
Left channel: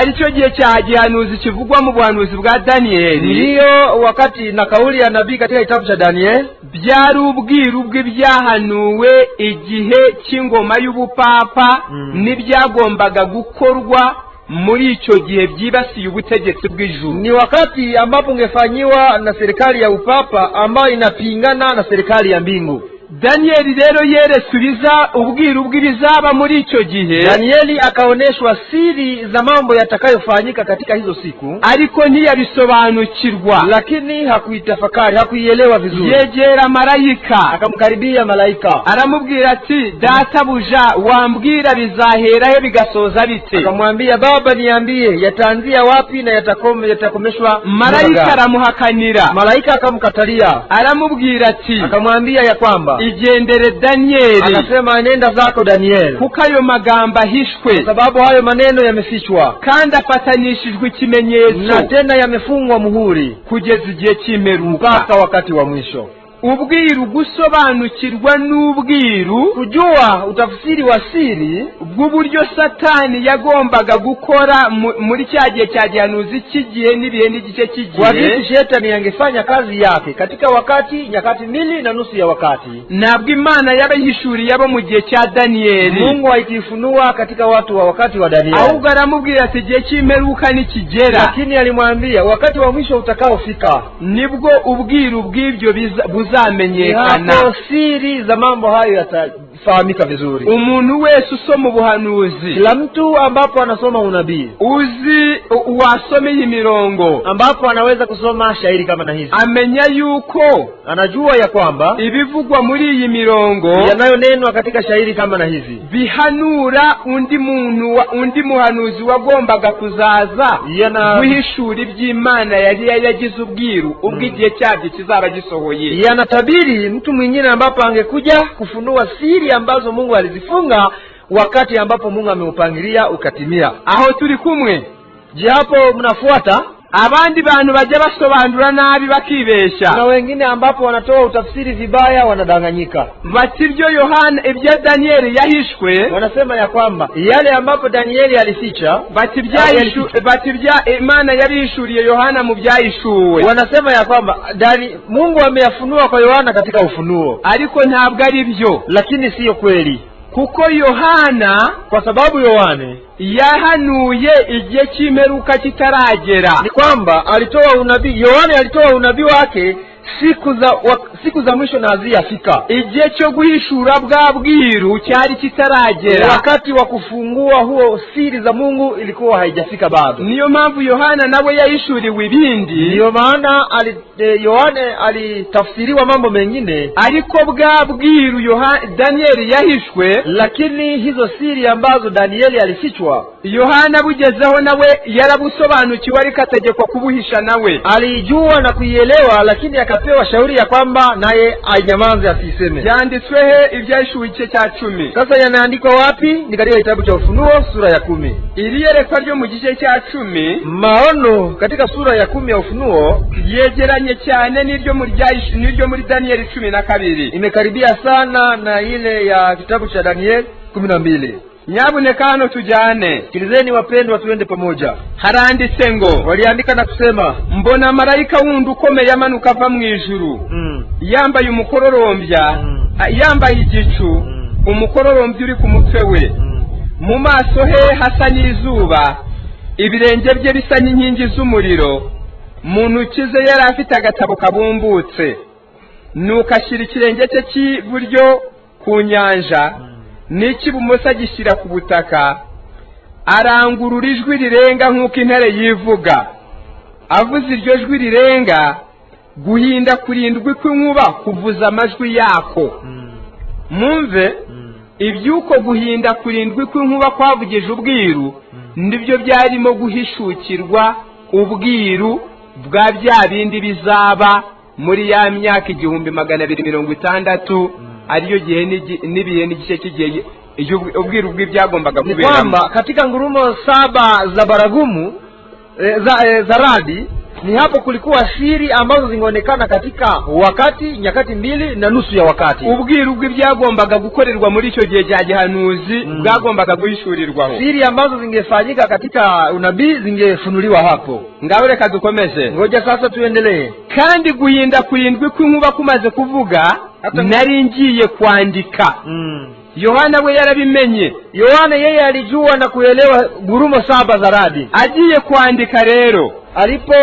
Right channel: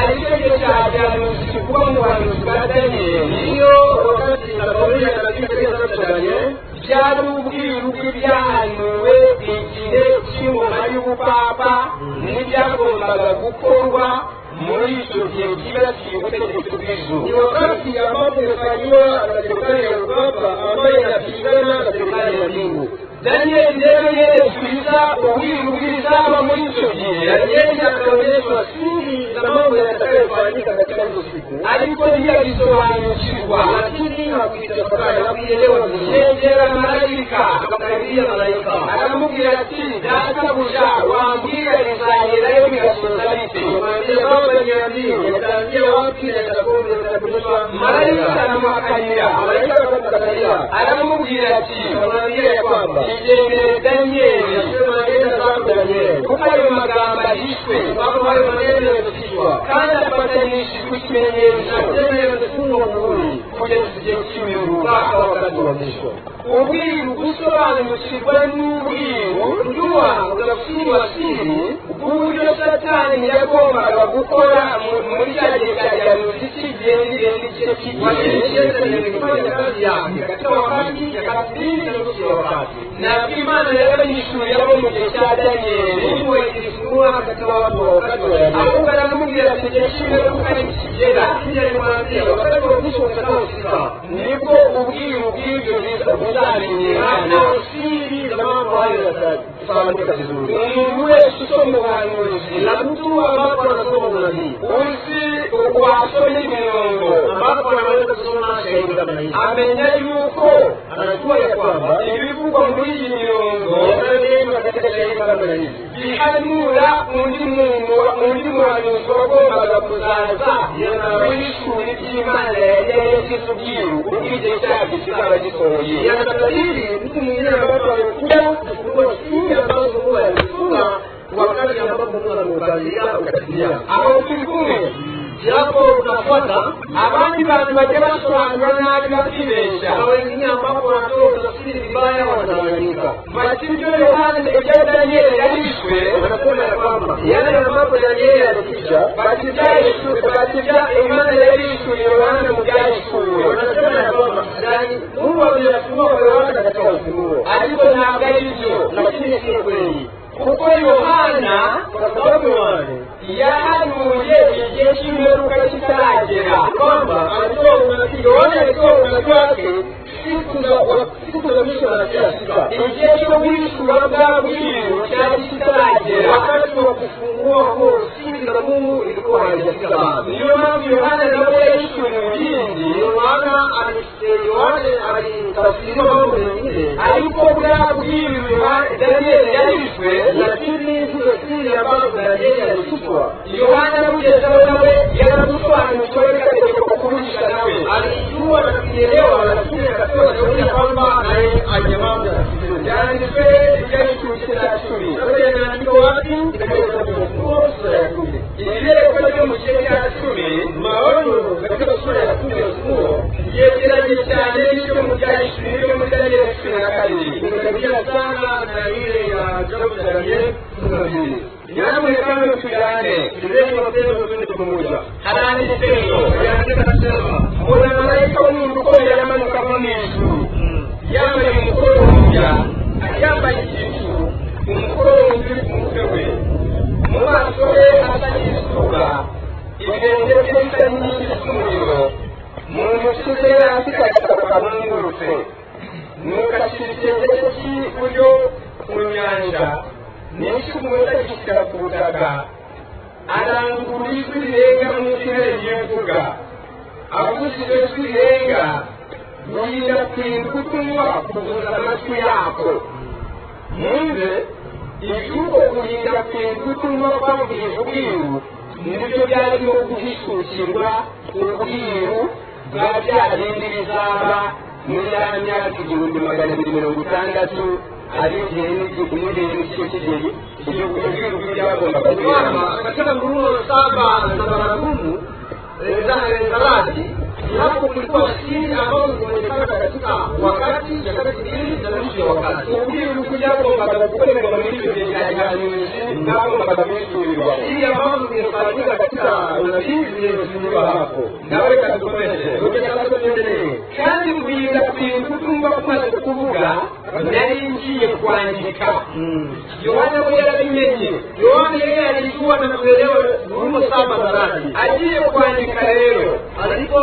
aricyo gihe cya gihanuzi kivugwa mu buhanuzi bwa Daniyeli. Ndiyo wakati na kauli ya nabii katika kitabu cha Daniel. Byari ubwiru bw'ibyahanuwe igihe cy'ingoma y'ubupapa n'ibyagombaga gukorwa muri icyo gihe byibasiye ubutegetsi bw'ijuru. Ni wakati ambapo ungefanyiwa na serikali ya upapa ambayo inapingana na serikali ya mbingu. Danieli rero yeresubiza ubwiru bw'ibizaba muri icyo gihe. Danieli akaoneshwa siri za mambo yatakayofanyika katika hizo siku, ariko ntiyabisobanukirwa, lakini hakuitafakari, hakuielewa vizuri. Yegera malayika, akamkaribia malaika, aramubwira ati databuja, wambwira bizaherayo bigasoza bite? Akamwambia, baba niambie yataanzia wapi na yatakomeshwa. Malaika aramuhakanira, malaika akamkatalia, aramubwira ati, akamwambia ya kwamba igendere Daniyeli, akasema nenda zako Daniel, kuko ayo magambo ahishwe, sababu hayo maneno yamefichwa kandi afatanishijwe ikimenyetso, na tena yamefungwa muhuri kugeza igihe cy'imperuka, mpaka wakati wa mwisho. Ubwiru, gusobanukirwa n'ubwiru, kujua utafsiri wa siri bw'uburyo Satani yagombaga gukora muri cya gihe cya gihanuzi cy'igihe n'ibihe n'igice cy'igihe. Wakati Shetani yangefanya kazi yake katika wakati nyakati mbili na nusu ya wakati, nabwo Imana yabahishuriye abo mu gihe cya Daniyeli. Mungu aikifunua katika watu wa wakati wa Danieli. Ahubwo aramubwira ati igihe cy'imperuka nikigera, lakini alimwambia wakati wa mwisho utakaofika nibwo ubwiru bw'ibyo buzamenyekana, siri za mambo hayo yatafahamika vizuri. Umuntu wese usoma ubuhanuzi, kila mtu ambapo anasoma unabii, wasomeye imirongo, ambapo anaweza kusoma shairi kama na hizi, amenya yuko, anajua ya kwamba ibivugwa muri iyi mirongo yanayonenwa katika shairi kama na hizi bihanura undi muhanuzi wagombaga kuzaza guhishura iby'Imana yari yagize ubwiru ubw'igihe cyake kizaba gisohoye. Yanatabiri mtu mwingine ambapo angekuja kufunua siri ambazo Mungu alizifunga wakati ambapo Mungu ameupangilia ukatimia. Aho turi kumwe? Japo mnafuata abandi bantu bajya basobanura nabi bakibesha, na wengine ambapo wanatoa utafsiri vibaya, wanadanganyika. Bati ibyo Yohana, ibya Danieli yahishwe, wanasema ya kwamba yale ambapo Danieli alificha, bati bya Imana yarishuriye Yohana mu byahishuwe. Wanasema ya kwamba Mungu ameyafunua kwa Yohana katika ufunuo, ariko ntabwo ari byo, lakini siyo kweli. Kuko Yohana, kwa sababu Yohana yahanuye igihe cy'imperuka kitaragera. Ni kwamba alitoa unabii, Yohana alitoa unabii wake siku za mwisho na hazijafika. Igihe cyo guhishura bwa bwiru cyari kitaragera, wakati wa kufungua huo siri za Mungu ilikuwa haijafika bado. Niyo mpamvu Yohana nawe yahishuriwe ibindi, niyo maana Yohana alitafsiriwa mambo mengine, ariko bwa bwiru Danieli yahishwe, lakini hizo siri ambazo Danieli alifichwa, Yohana bugezeho nawe yarabusobanukiwe, ariko ategekwa kubuhisha nawe. Alijua na kuielewa, lakini akapewa shauri ya kwamba naye ainyamaze asiseme. Yanditswe ibyahishuwe igice cya 10. Sasa yanaandikwa wapi? Ni katika kitabu cha Ufunuo sura ya 10. Iliyerekwa ryo mu gice cya 10, maono katika sura ya 10 ya Ufunuo yegeranye cyane n'ibyo muri Danieli 12. Imekaribia sana na ile ya kitabu cha Danieli 12. Nyabuneka hano tujane, sikilizeni wapendwa, tuende pamoja. Haranditse ngo, waliandika na kusema, mbona malaika wundi ukomeye amanuka ava mu ijuru, yambaye umukororombya, yambaye igicu, umukororombya uri ku mutwe we, mu maso he hasa n'izuba, ibirenge bye bisa n'inkingi z'umuriro, mu ntoki ze yari afite agatabo kabumbutse, nuko ashyira ikirenge cye cy'iburyo ku nyanja, n'icy'ibumoso agishyira ku butaka, arangurura ijwi rirenga nk'uko intare yivuga. Avuze iryo jwi rirenga, guhinda kurindwi kw'inkuba kuvuza amajwi yako. Mwumve ibyuko guhinda kurindwi kw'inkuba kwavugije ubwiru nibyo byarimo guhishukirwa ubwiru bwa bya bindi bizaba muri ya myaka 1260 ariyo gihe n'ibihe n'igice cy'igihe ubwiru bw'ibyagombaga kubera. Kwamba katika ngurumo 7 za baragumu za radi ni hapo kulikuwa siri ambazo zingeonekana katika wakati nyakati 2.5 ya wakati. Ubwiru bw'ibyagombaga gukorerwa muri icyo gihe cya gihanuzi bwagombaga guhishurirwa. Siri ambazo zingefanyika katika unabii zingefunuliwa hapo. Ngaho reka dukomeze. Ngoja sasa tuendelee. Kandi guhinda kurindwi kw'inkuba kumaze kuvuga nari ngiye kwandika. Yohana we yarabimenye. Yohana yeye alijua na kuelewa ngurumo 7 za radi. Agiye kwandika rero alipo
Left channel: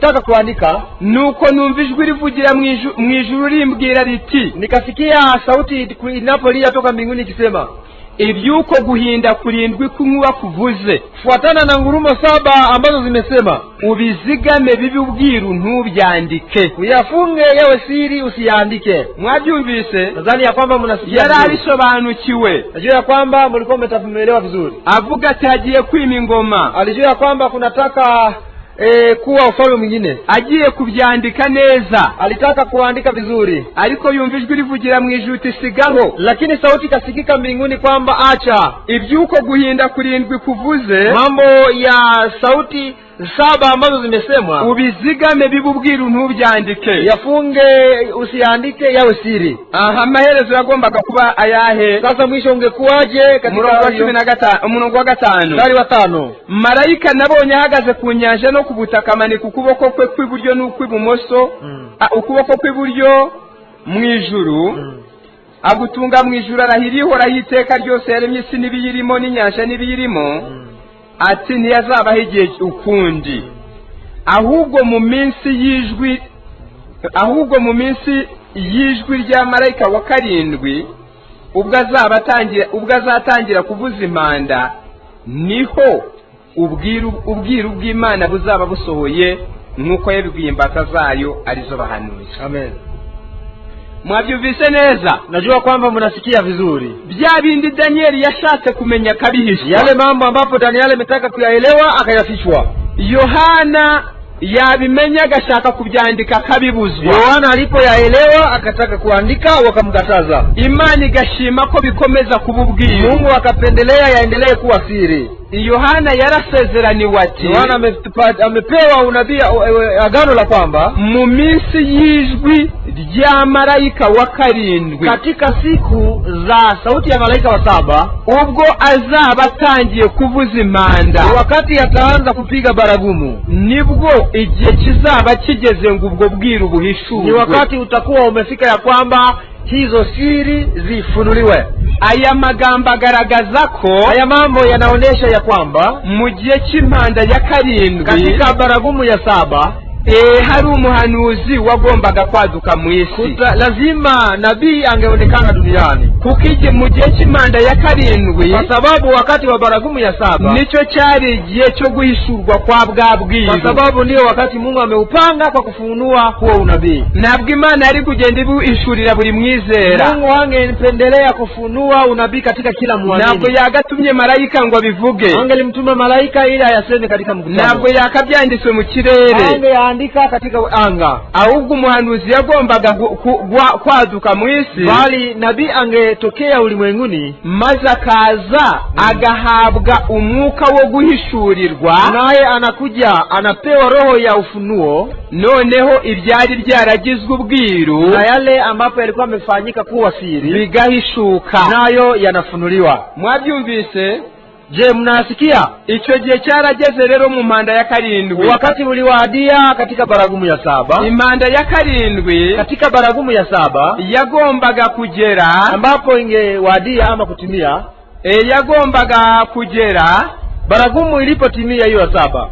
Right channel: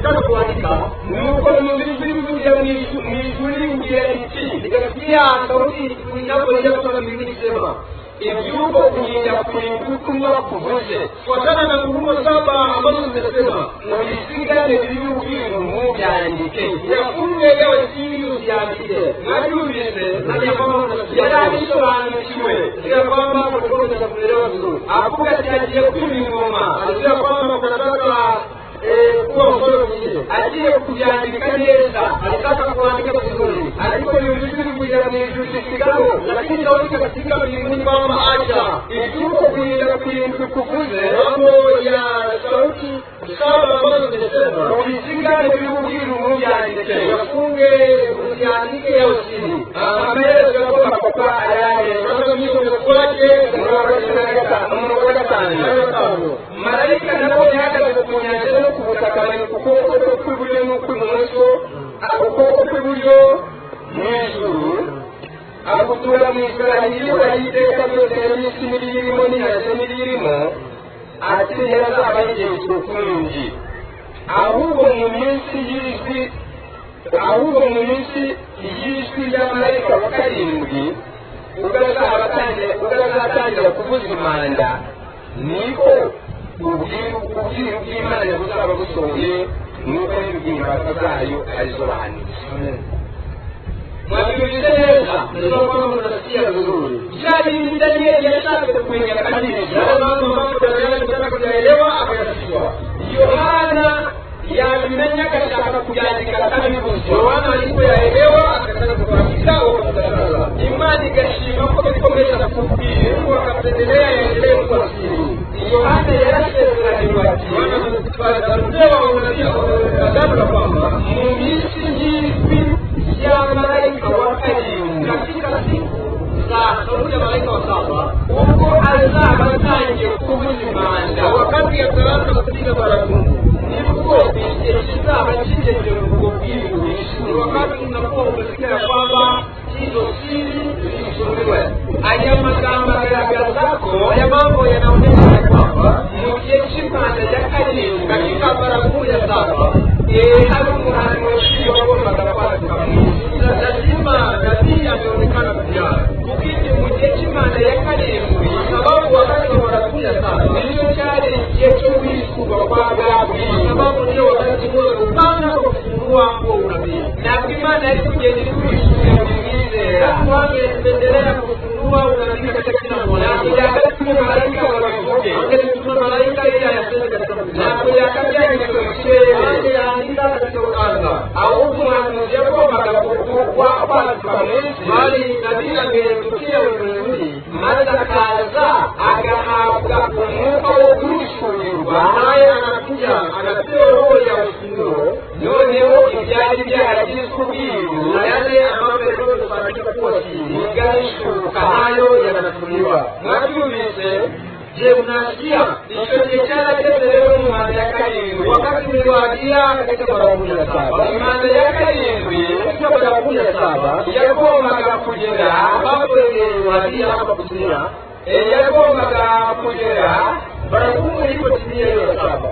taka kuandika nuko numva ijwi rivugira mu ijuru rimbwira riti, nikasikia sauti inapolia toka mbinguni ikisema, ibyuko guhinda kurindwi kw'inkuba kuvuze fuatana na ngurumo 7 ambazo zimesema, ubizigame bibi ubwiru ntubyandike, uyafunge yawe siri usiandike. Mwabyumvise? Nadhani ya kwamba mnasikia. Yarabisobanukiwe. Najua ya kwamba mlikuwa mtamuelewa vizuri. Avuga ati agiye kwima ingoma. Alijua ya kwamba kunataka kuwa ufalme mwingine. Agiye kubyandika neza. Alitaka kuandika vizuri. Ariko yumva ijwi rivugira mu ijuru tisigaho. Lakini sauti ikasikika mbinguni kwamba acha. Ibyuko guhinda kurindwi kuvuze mambo ya sauti 7 ambazo zimesemwa, ubizigame bibubwiru ntubyandike, yafunge usiandike yawe siri. Amaherezo yagombaga kuba ayahe? Sasa mwisho ungekuwaje? Murongo wa 5. Marayika nabonye ahagaze ku nyanja no kubutaka amanika ukuboko kwe kw'iburyo n'ukw'ibumoso, ukuboko kw'iburyo mu ijuru, agutunga mu ijuru arahiriho iteka ryose yaremye isi n'ibiyirimo n'inyanja n'ibiyirimo, ati ntiyazabaho igihe ukundi, ahubwo mu minsi y'ijwi rya marayika wa 7 ubwo azatangira kuvuza impanda, niko ubwiru bw'Imana buzaba busohoye nk'uko yabibwiye imbata zayo arizo bahanuzi. Amen. Mwabyumvise neza? Najua kwamba mnasikia vizuri. Bya bindi Danieli yashatse kumenya kabihisha, yale mambo ambapo Danieli ametaka kuyaelewa akayafishwa, Yohana yabimenya agashaka kubyandika kabibuzwa. Yohana alipoyaelewa akataka kuandika wakamkataza. Imana igashima ko bikomeza kububwira, Mungu akapendelea yaendelee kuwa siri. Yohana yarasezeraniwe ati, Yohana amepewa unabii agano la kwamba mu minsi y'ijwi rya marayika wa 7, katika siku za sauti ya malaika wa 7, ubwo azaba atangiye kuvuza impanda, wakati ataanza kupiga baragumu, nibwo igihe kizaba kigeze ngo ubwo bwiru buhishurwe. Ni wakati utakuwa umefika ya kwamba hizo siri zifunuliwe. Aya magambo agaragaza ko, aya mambo yanaonesha ya kwamba mu gihe cy'impanda ya 7, katika baragumu ya 7, hari umuhanuzi wagombaga kwaduka mu isi. Lazima nabii angeonekana duniani. Kuko mu gihe cy'impanda ya 7, kwa sababu wakati wa baragumu ya 7 nicyo cyari igihe cyo guhishurwa kwa bwa bwiru, kwa sababu ndio wakati Mungu ameupanga kwa kufunua kuwa unabii. Ntabwo Imana yari kugenda ibuhishurira buri mwizera. Mungu angependelea kufunua unabii katika kila muamini. Ntabwo yagatumye marayika ngo bivuge, angelimtuma malaika ili ayaseme katika mkutano. Ntabwo yakabyanditswe mu kirere, angeandika katika anga. Ahubwo umuhanuzi yagombaga kwaduka mu isi, bali nabii angetokea ulimwenguni, maze akaza agahabwa umwuka wo guhishurirwa, naye anakuja anapewa roho ya ufunuo. Noneho ibyari byaragizwe ubwiru na yale ambapo yalikuwa yamefanyika kuwa siri bigahishuka, nayo yanafunuliwa. Mwabyumvise? Je, mnasikia? Icyo gihe cyarageze rero mu mpanda ya 7, wakati uliwadia katika baragumu ya 7. Impanda ya 7 katika baragumu ya 7 yagombaga kugera, ambapo ingewadia ama kutimia, yagombaga kugera baragumu ilipotimia hiyo 7,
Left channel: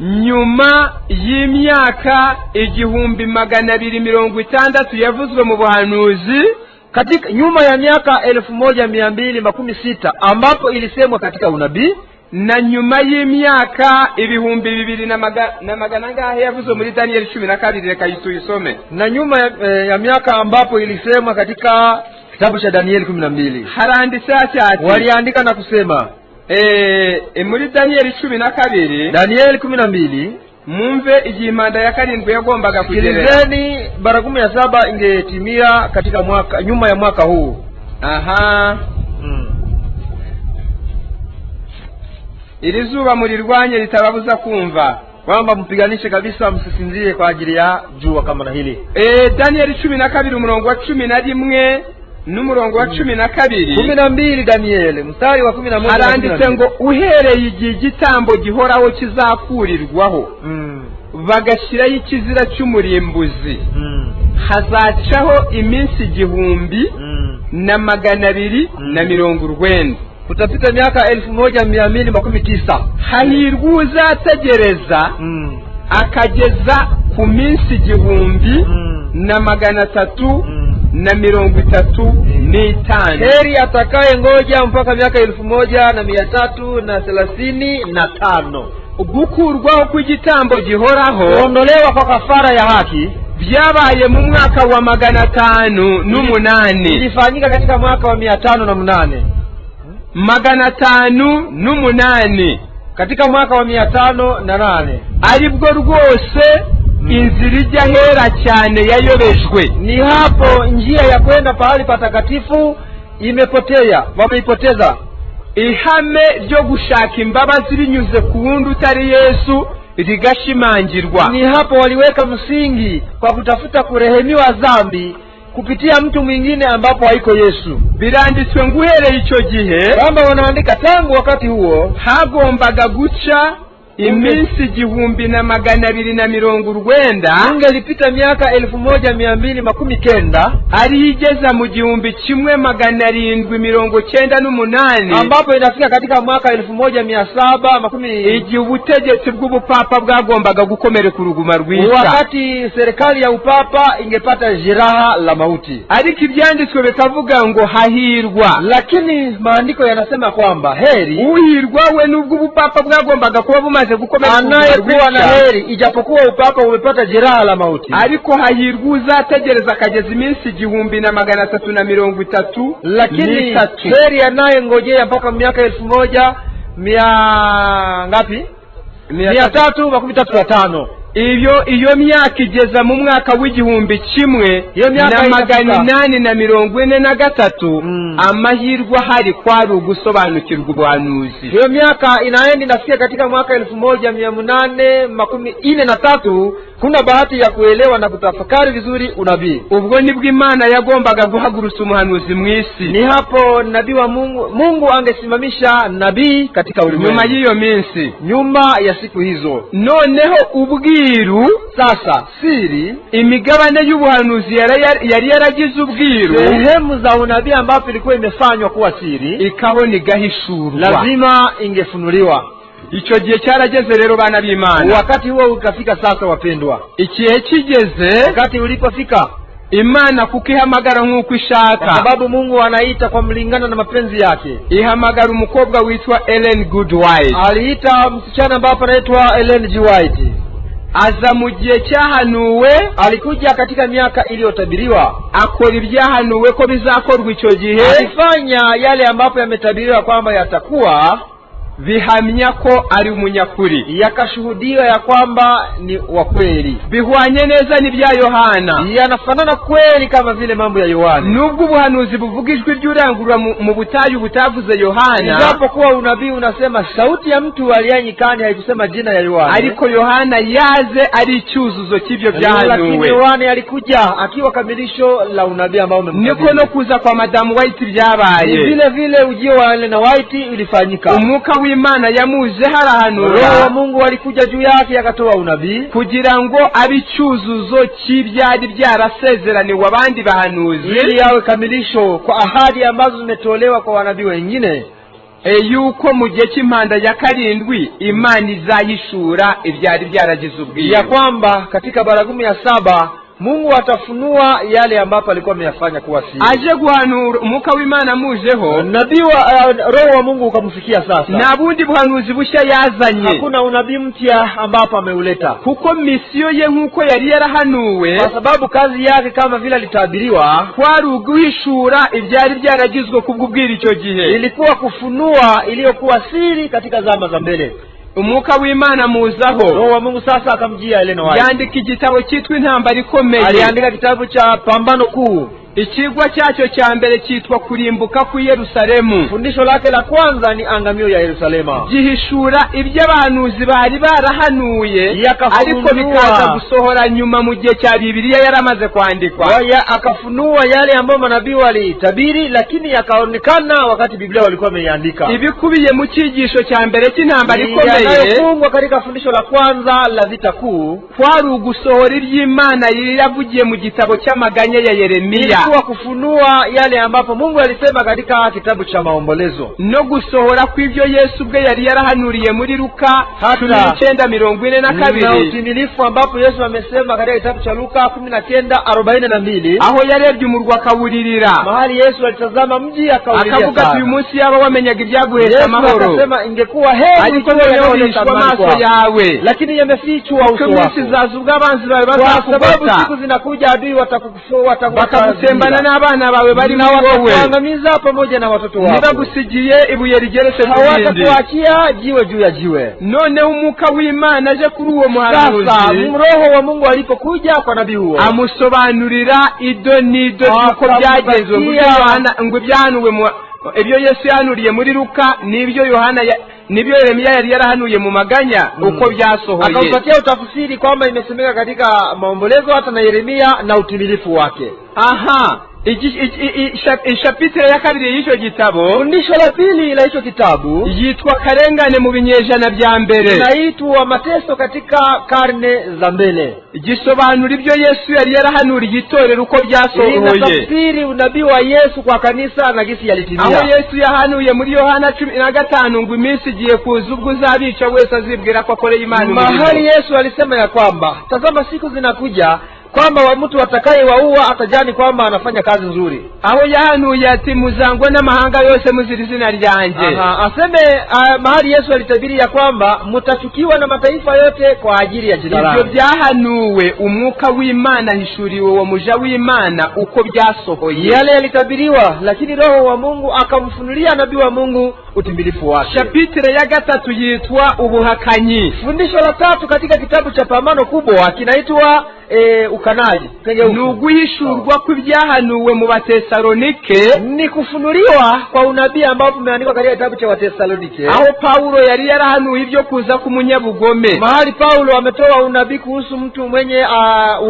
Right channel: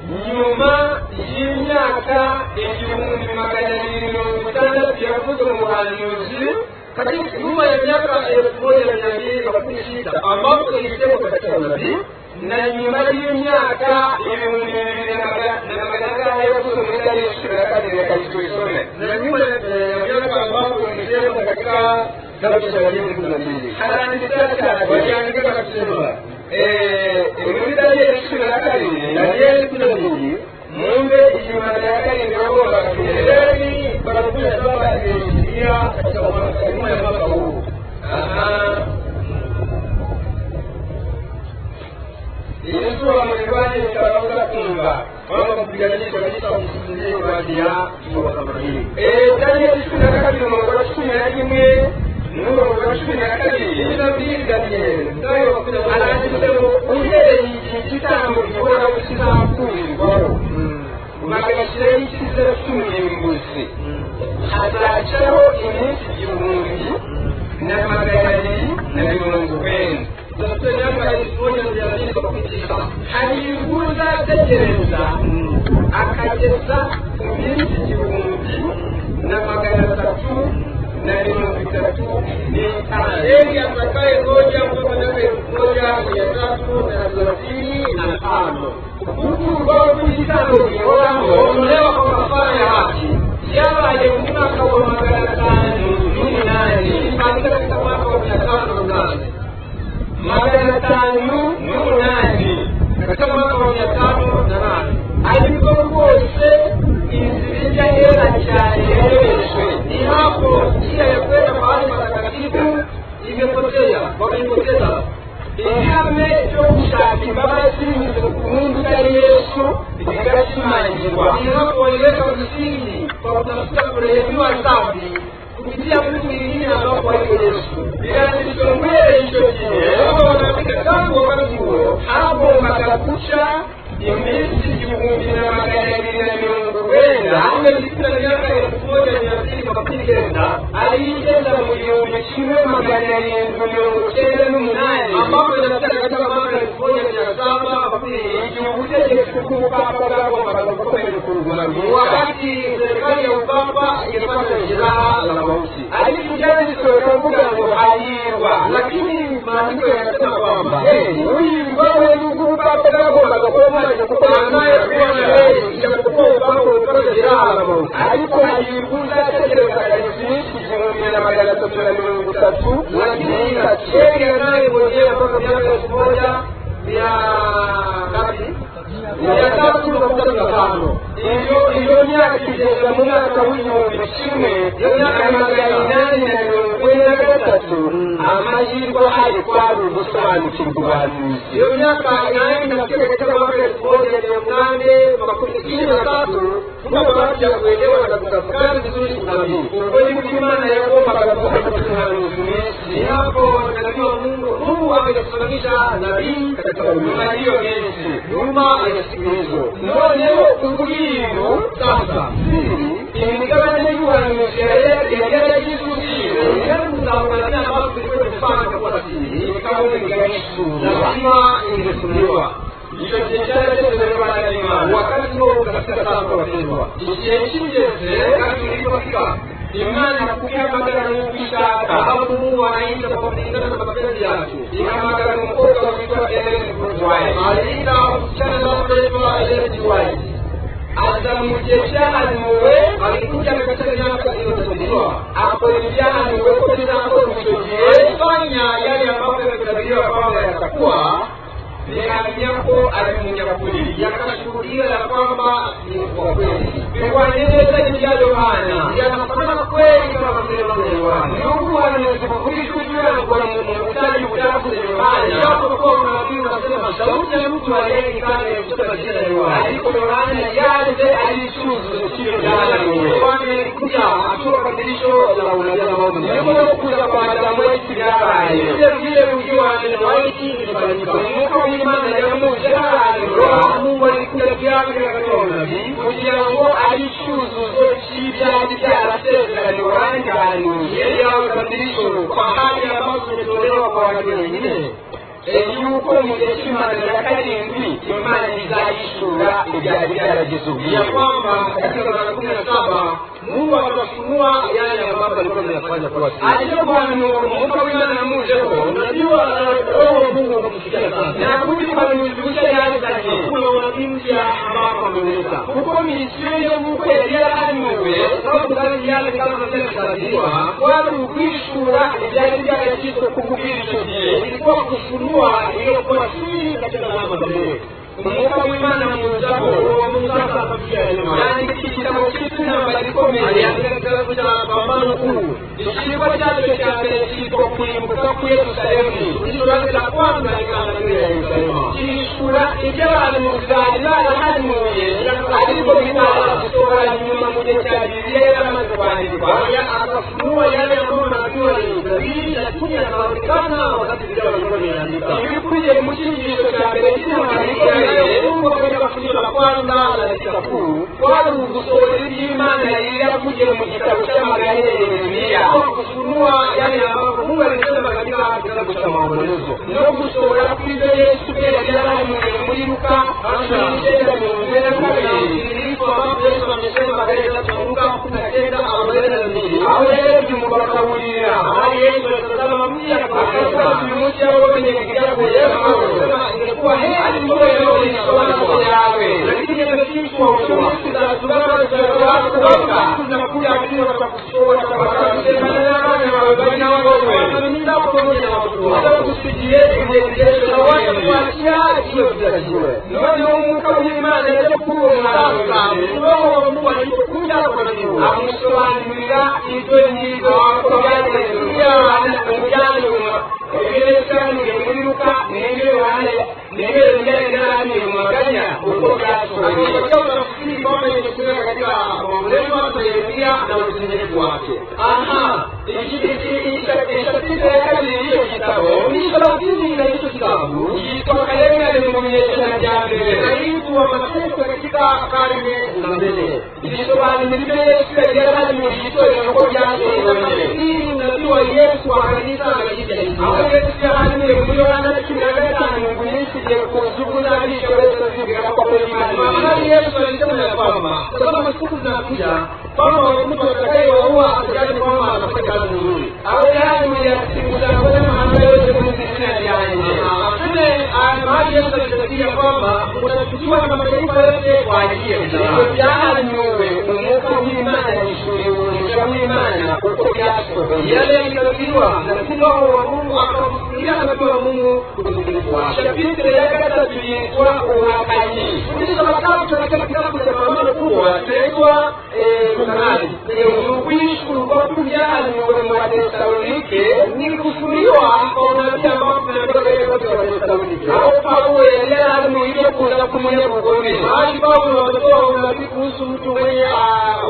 nyuma y'imyaka 1260 yavuzwe mu buhanuzi, katika nyuma ya miaka 1216 ambapo ilisemwa katika unabii, na nyuma y'imyaka 2,200 yavuze muri Daniel 12 reka yisome. Na nyuma ya miaka ambapo ilisemwa katika kitabu cha Daniel 12 haranditse cyane waliandika na kusema muri Daniel 12 Daniel 12 mumve igihe impanda ya karindwi yagombaga kugera bara 17 ingetimia katika mwaka nyuma ya mwaka huu. Iri zuba murirwanye ritababuza kumva, kwamba mpiganishe kabisa, msisinzie kwa ajili ya jua kama na hili. Daniel 12 umurongo wa 11 n'umurongo wa 12 Daniel mstari wa 11 aranditse ngo uhereye igihe igitambo gihoraho kizakurirwaho bagashyiraho ikizira cy'umurimbuzi hazacaho iminsi 1,290. Kutapita miaka 1219. Hahirwa uzategereza akageza ku minsi 1,335. Heri atakaye ngoja mpaka miaka 1,335. Gukurwaho kw'igitambo gihoraho, kuondolewa kwa kafara ya haki, byabaye mu mwaka wa 508. ilifanyika katika mwaka wa 508. 508 katika mwaka wa 508 aribwo rwose inzira ijya hera cyane yayobeshwe. Ni hapo njia ya kwenda pahali patakatifu imepotea, wameipoteza. Ihame ryo gushaka imbabazi binyuze ku wundi utari Yesu rigashimangirwa. Ni hapo waliweka msingi kwa kutafuta kurehemiwa dhambi kupitia mtu mwingine ambapo haiko Yesu. Biranditswe ngo uhereye icyo gihe, kama wanaandika tangu wakati huo hagombaga guca iminsi 1,290. Ingelipita miaka 1219 ari igeza mu 1,798 ambapo inafika katika mwaka 1710 igihe ubutegetsi bw'ubupapa bwagombaga gukomereka uruguma rw'isi, wakati serikali ya upapa ingepata jeraha la mauti. Ariko ibyanditswe bikavuga ngo hahirwa, lakini maandiko yanasema kwamba heri uhirwa we nubwo ubupapa bwagombaga kuba bumaze gukomereka, anayekuwa na heri ijapokuwa upapa umepata jeraha la mauti. Ariko hahirwa uzategereza akageza iminsi 1,330. Lakini heri anayengojea mpaka miaka 1,000 ngapi? 335. Iyo myaka igeza mu mwaka w'1,843. Amahirwe hari kwari ugusobanukirwa ubuhanuzi. Iyo miaka inaenda inafikia katika mwaka 1843. Kuna bahati ya kuelewa na kutafakari vizuri unabii. Ubwo nibwo Imana yagombaga guhagurutsa umuhanuzi mu isi. Ni hapo nabii wa Mungu angesimamisha nabii katika ulimwengu. Nyuma y'iyo minsi, nyuma ya siku hizo. Noneho ubwiru, sasa siri, imigabane y'ubuhanuzi yari yaragize ubwiru, sehemu za unabii ambapo ilikuwa imefanywa kuwa siri ikabona igahishurwa, lazima ingefunuliwa. Icyo gihe cyarageze rero bana b'Imana. Wakati huo ukafika sasa wapendwa. Ikihe kigeze, wakati ulipofika, Imana kuko ihamagara nk'uko ishaka, sababu Mungu anaita kwa mlingana na mapenzi yake. Ihamagara umukobwa witwa Ellen G. White. Aliita msichana ambaye anaitwa Ellen G. White. Aza mu gihe cyahanuwe, alikuja katika miaka iliyotabiriwa, akora ibyahanuwe ko bizakorwa icyo gihe, alifanya yale ambapo yametabiriwa kwamba yatakuwa, bihamya ko ari umunyakuri, yakashuhudia ya kwamba ni wa kweli. Bihwanye neza n'ibya Yohana, yanafanana kweli kama vile mambo ya Yohana. Nubwo ubuhanuzi buvuga ijwi ry'urangurura mu butayu butavuze Yohana, ijapokuwa unabii unasema sauti ya mtu aliyanyikani haikusema jina ya Yohana, ariko Yohana yaze ari icyuzuzo cy'ibyo byahanuwe. Lakini Yohana alikuja akiwa kamilisho la unabii ambao niko no kuza kwa Madamu White byabaye. Vile vile ujio wa Ellen White ilifanyika. Umwuka w'Imana yamuze harahanura, Roho wa Mungu alikuja juu yake akatoa unabii kugira ngo ari icyuzuzo cy'ibyari byarasezeraniwe abandi bahanuzi, ili yawe kamilisho kwa ahadi ambazo zimetolewa kwa wanabii wengine, yuko mu gihe cy'impanda ya karindwi Imana izayishura ibyari byaragize ubwiru, ya kwamba katika bara 17 Mungu atafunua yale ambapo alikuwa ameyafanya kuwa siri. aje guhanura umwuka w'Imana muzeho, Nabii wa roho wa Mungu ukamfikia sasa. na bundi buhanuzi bushya yazanye. Hakuna unabii mpya ambapo ameuleta. Kuko misiyo ye nk'uko yari yarahanuwe, Kwa sababu kazi yake kama vile alitabiriwa kwari uguhishura ibyari byaragizwe kubw'ubwira icyo gihe. ilikuwa kufunua iliyokuwa siri katika zama za mbele. Umwuka w'Imana muzaho, Roho wa Mungu sasa akamjia Elena White. yandika igitabo cyitwa Intambara Ikomeye. Aliandika kitabu cha Pambano Kuu. Ikigwa cyacyo cya mbere cyitwa Kurimbuka ku Yerusalemu. Fundisho lake la kwanza ni angamio ya Yerusalema. Gihishura ibyo abahanuzi bari barahanuye, ariko bikaza gusohora nyuma mu gihe cya Bibiliya yaramaze kwandikwa. Akafunua yale ambayo manabii walitabiri, lakini yakaonekana wakati Biblia walikuwa wameiandika. Ibikubiye mu cyigisho cya mbere cy'Intambara Ikomeye, yanayofungwa katika fundisho la kwanza la vita kuu, kwari ugusohora iby'Imana yavugiye mu gitabo cy'amaganya ya Yeremiya, ilikuwa kufunua yale ambapo Mungu alisema katika kitabu cha Maombolezo, no gusohora kw'ibyo Yesu ubwe yari yarahanuriye muri Luka 19:42, na utimilifu ambapo Yesu amesema katika kitabu cha Luka 19:42, aho yarebye umurwa akawuririra, mahali Yesu alitazama mji akawuririra, akavuga ati uyu munsi yaba wamenyaga ibyaguhesha amahoro, akasema ingekuwa heri ariko yohishwa amaso yawe, lakini yamefichwa uso wako. zizazunga abanzi bawe Sababu siku zinakuja adui watakutembana n'abana bawe bari na wowe, watakuangamiza pamoja na watoto wako, ntibagusigiye ibuye rigeretse ku rindi, hawatakuachia jiwe juu ya jiwe. None umwuka w'Imana aje kuri uwo muhanuzi, Roho wa Mungu alipokuja kwa nabii huo, amusobanurira ido n'ido uko byagenze, ngo byanuwe ibyo Yesu yanuriye muri Luka n'ibyo nibyo Yeremiya yari yarahanuye mu maganya uko byasohoye. Akampatia utafsiri kwamba imesemeka katika Maombolezo hata na Yeremia na utimilifu wake. Aha, ishapitire ya kabiri y'icyo gitabo, fundisho la pili la hicho kitabu yitwa Karengane mu binyejana bya mbere, inaitwa Mateso katika karne za mbele. Gisobanura ibyo Yesu yari yarahanuriye itorero uko byasohoye. Inatafsiri unabii wa Yesu kwa kanisa na gisi yalitimia. Aho Yesu yahanuye muri Yohana 15 ngo iminsi igiye kuza ubwo uzabisha wese azibwira ko akoreye Imana. Mahali Yesu alisema ya kwamba tazama siku zinakuja kwamba mtu atakayewaua atajani kwamba anafanya kazi nzuri. Aho yahanuye ati muzangwa n'amahanga yose muzira izina ryanjye. Aseme mahali Yesu alitabiri ya kwamba mtachukiwa na mataifa yote kwa ajili ya jina lake. Byahanuwe umwuka w'Imana hishuriwe uwo muja w'Imana uko byasohoye. Yale yalitabiriwa, lakini Roho wa Mungu akamfunulia nabii wa Mungu utimilifu wake. Chapitire ya gatatu yitwa Ubuhakanyi. Fundisho la tatu katika kitabu cha Pambano Kubwa kinaitwa ukanaji. Nuguhishurwa kw'ibyahanuwe mu Batesalonike, ni kufunuliwa kwa unabii ambao tumeandikwa katika kitabu cha Watesalonike, aho Paulo yari yarahanuye ibyo kuza k'umunyabugome. Mahali Paulo ametoa unabii kuhusu mtu mwenye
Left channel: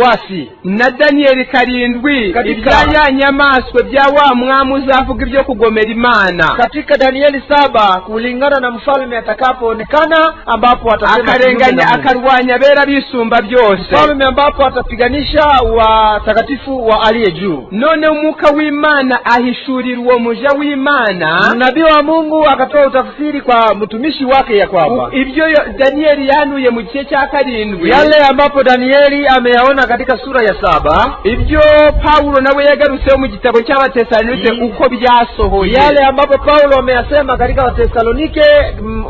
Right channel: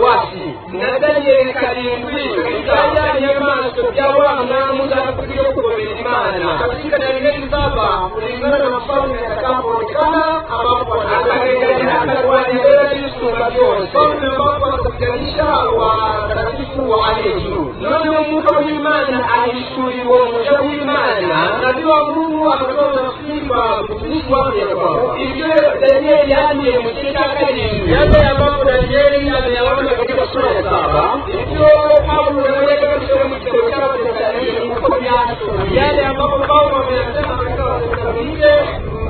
wasi, na Danieli 7 ibya nyamaswe bya wa mwami uzavuga ibyo kugomera Imana. Katika Danieli 7 kulingana na mfalme atakapoonekana, ambapo akarenganya akarwanya bera bisumba byose, mfalme ambapo atapiganisha watakatifu wa aliye juu. None umwuka w'Imana ahishurira uwo muja w'Imana, nabii wa Mungu akatoa utafsiri kwa mtumishi wake ya kwamba ibyo Danieli yanuye mu gihe cya 7, yale ambapo Danieli ameyaona katika sura ya 7, ibyo Paulo nawe yagarutse mu gitabo cy'Abatesalonike uko byasohoye, yale ambapo Paulo ameyasema katika Watesalonike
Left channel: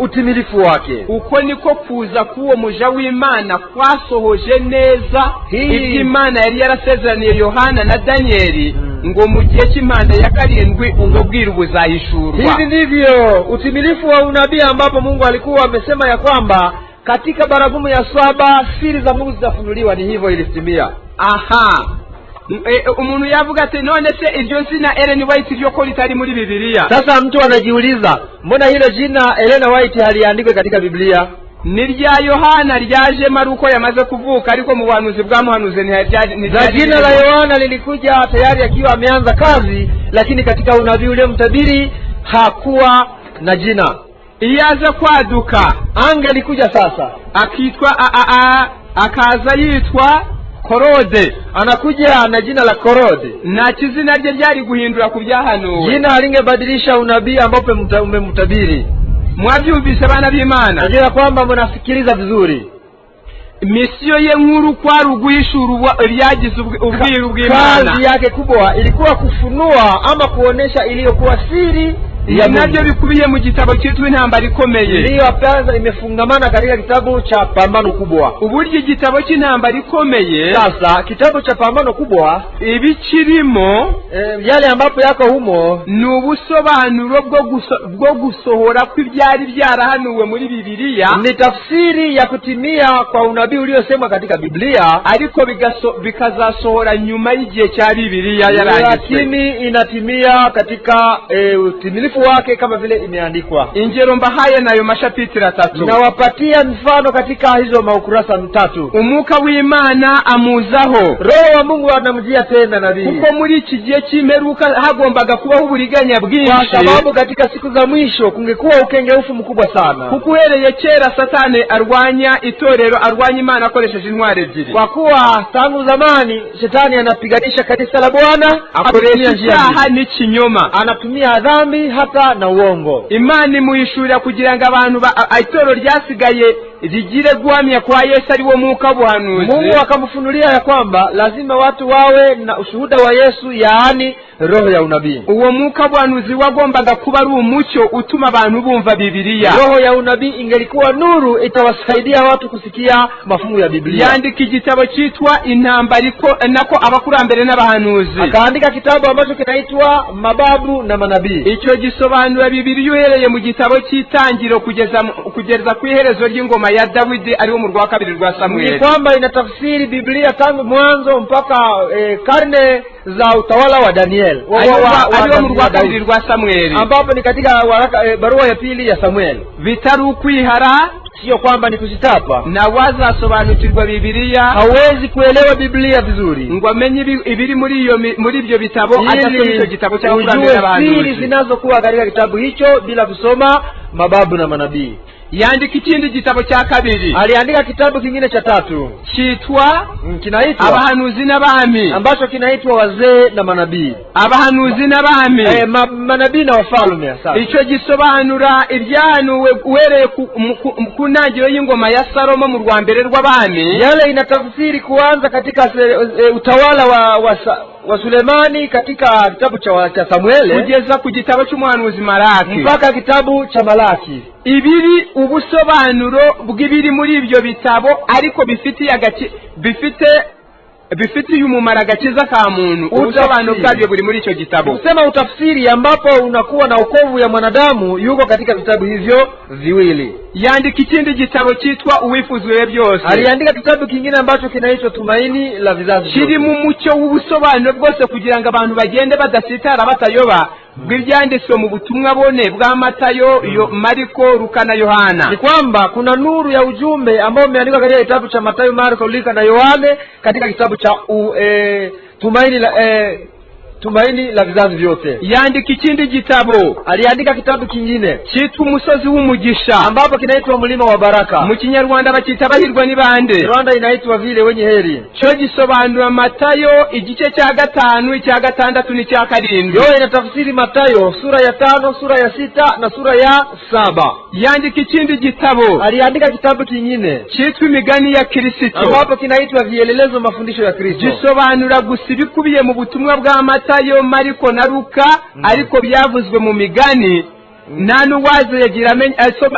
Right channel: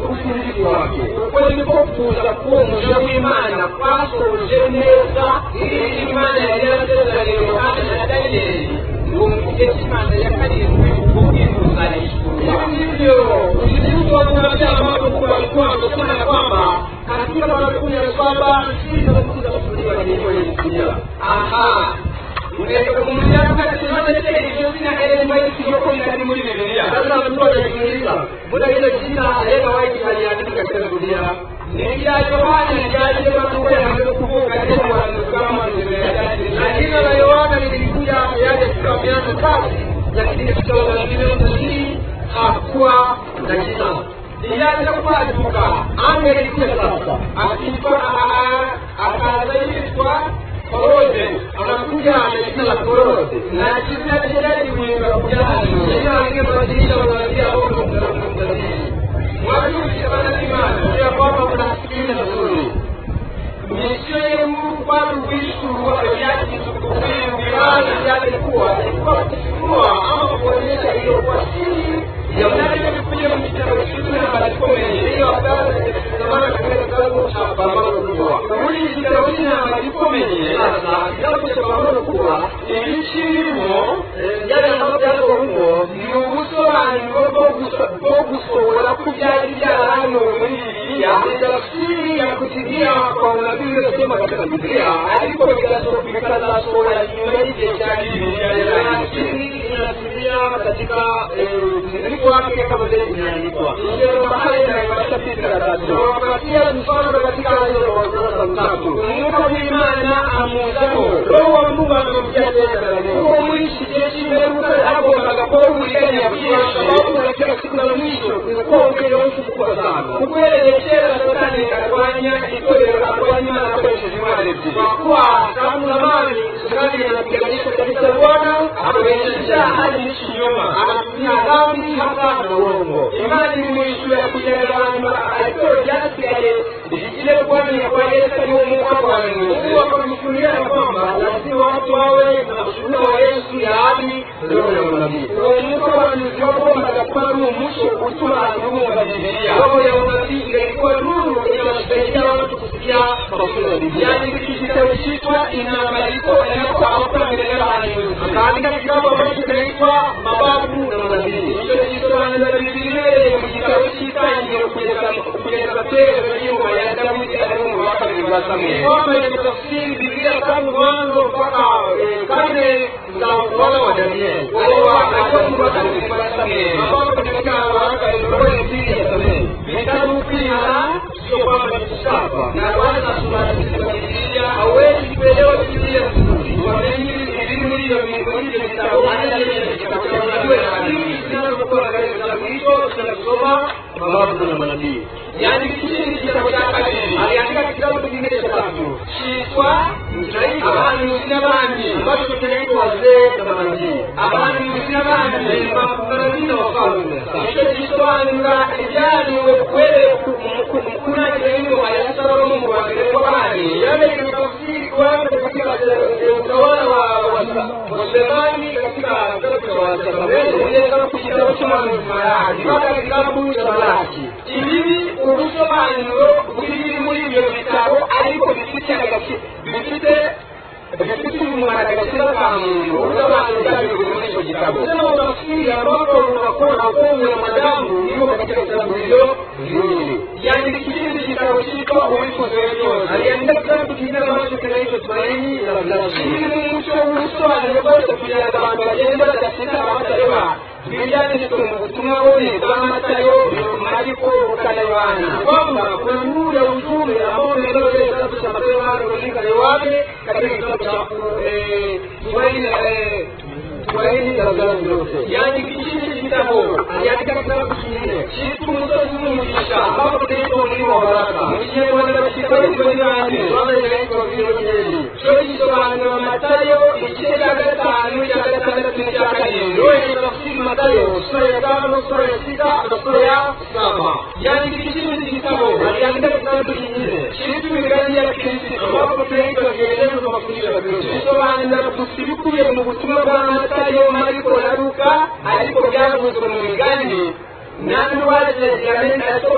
utimilifu wake. Uko niko kuza kuwo muja w'Imana kwasohoje neza ibyo Imana yari yarasezeraniye Yohana na Danieli ngo mu gihe cy'Imana ya 7 ububwirwa buzahishurwa. Hivi ndivyo utimilifu wa unabii ambapo Mungu alikuwa amesema ya kwamba katika baragumu ya 7 siri za Mungu zitafunuliwa. Ni hivyo ilitimia. Aha, umuntu yavuga ati none se iryo zina Ellen White ryo ko litari muri Biblia? Sasa mtu anajiuliza, mbona hilo jina Ellen White haliandikwe katika Biblia? Ni rya Yohana ryaje Maruko yamaze kuvuka, ariko mu buhanuzi bwa muhanuzi ni jina la Yohana lilikuja tayari akiwa ameanza kazi, lakini katika unabii ule mtabiri hakuwa na jina. Iyaza kwaduka alikuja sasa akitwa akaza yitwa Korode, anakuja na jina la Korode, na kizina je ryari guhindura kubyahanuwe. Jina alingebadilisha unabii ambapo umemtabiri. Mwabyumvise abana b'Imana? Najua kwamba mnasikiliza vizuri. misiyo ye nkuru kwari uguhishura ibyagize ubwiru bw'Imana. Kazi yake kubwa ilikuwa kufunua ama kuonesha iliyokuwa siri ya nabyo bikubiye mu gitabo cyitwa Intambara Ikomeye. Ndiyo pia imefungamana katika kitabu cha Pambano Kubwa. Uburyo igitabo cy'Intambara Ikomeye, sasa kitabu cha Pambano Kubwa ibikirimo yale ambapo yako humo ni ubusobanuro bwo gusohora kw'ibyari byarahanuwe muri Bibiliya, ni tafsiri ya kutimia kwa unabii uliosemwa katika Biblia, ariko bikazasohora nyuma y'igihe cya Bibiliya yarangizwe, lakini inatimia katika utimilifu wake kama vile imeandikwa. Ingero mbahaye nayo mashapitira 3, na wapatia mfano katika hizo maukurasa 3. Umwuka w'Imana amuzaho, Roho wa Mungu anamjia tena nabii, kuko muri iki gihe cy'imperuka hagombaga kubaho uburiganya bwinshi, kwa sababu katika siku za mwisho kungekuwa ukengeufu mkubwa sana. Kuguhereye kera Satani arwanya itorero, arwanya Imana akoresheje intwari ebyiri. Kwa kuwa tangu zamani Shetani anapiganisha kanisa la Bwana, akoresha icyaha n'ikinyoma, anatumia dhambi hata na uongo. Imana imuyishurira kugira ngo abantu itorero ryasigaye rigire guhamya kwa Yesu ari wo mwuka w'ubuhanuzi. Mungu akamfunulia ya kwamba lazima watu wawe na ushuhuda wa Yesu, yaani roho ya unabii. Uwo mwuka w'ubuhanuzi wagombaga kuba ari umucyo utuma abantu bumva Bibiliya. Roho ya unabii ingelikuwa nuru itawasaidia watu kusikia mafungu ya Biblia. Yandika igitabo cyitwa Intambara nako abakurambere n'abahanuzi. Akaandika kitabu ambacho kinaitwa Mababu na Manabii. Icyo gisobanura Bibiliya uhereye mu gitabo cy'Itangiriro kugeza ku iherezo ry'ingoma ya Dawidi ari mu rwa 2 rwa Samueli. Ni kwamba inatafsiri Biblia tangu mwanzo mpaka karne za utawala wa Daniel. Ari mu rwa 2 rwa Samueli, ambapo ni katika barua ya pili ya Samueli. Bitari ukwihara, sio kwamba ni kusichapa, na wazasobanukirwa Bibiliya hawezi kuelewa Biblia vizuri ngo amenye ibiri muri ibyo bitabo, atasoma icyo gitabo cy'abakurambere n'abahanuzi. Siri zinazokuwa katika kitabu hicho bila kusoma Mababu na Manabii. Yandika ikindi gitabo cya 2, aliandika kitabu kingine cha 3 kinaitwa Abahanuzi n'Abami, ambacho kinaitwa Wazee na Manabii. Abahanuzi n'Abami, manabii na wafalme. Sasa icyo gisobanura ibyahanuwe uhereye ku ntangiriro y'ingoma ya Salomo mu rwa mbere rw'abami. Yale inatafsiri kuanza katika utawala wa Sulemani katika kitabu cha Samueli kugeza ku gitabo cy'umuhanuzi Malaki mpaka kitabu cha Malaki. Ibiri ubusobanuro bw'ibiri muri ibyo bitabo, ariko bifitiye umumaro agakiza ka muntu. Ubusobanuro bwabyo buri muri icyo gitabo. Kusema utafsiri ambapo unakuwa na wokovu ya mwanadamu yuko katika vitabu hivyo viwili. Yandika ikindi gitabo cyitwa Uwifuziwe byose. Aliandika kitabu kingine ambacho kinaitwa Tumaini la Vizazi. Kiri mu mucyo w'ubusobanuro bwose kugira ngo abantu bagende badasitara batayoba bw'ibyanditswe mu butumwa bone bwa Matayo, Mariko, Luka na Yohana. Ni kwamba kuna nuru ya ujumbe ambao umeandikwa katika kitabu cha Matayo, Marko, Luka na Yohane, katika kitabu cha Tumaini la Vizazi vyote. Yandika ikindi gitabo, aliandika kitabu kingine cyitwa Umusozi w'Umugisha, ambapo kinaitwa Mlima wa Baraka. Mu Kinyarwanda bakita bahirwa ni bande, Rwanda inaitwa vile wenye heri. Cyo gisobanura Matayo igice cya 5, icya 6 n'icya 7. Ndio inatafsiri Matayo sura ya 5, sura ya 6 na sura ya 7. Yandika ikindi gitabo, aliandika kitabu kingine cyitwa Imigani ya Kristo, ambapo kinaitwa Vielelezo mafundisho ya Kristo. Gisobanura gusa ibikubiye mu butumwa bwa Matayo, Mariko na Luka, ariko byavuzwe mu migani. Nta n'uwaza yagira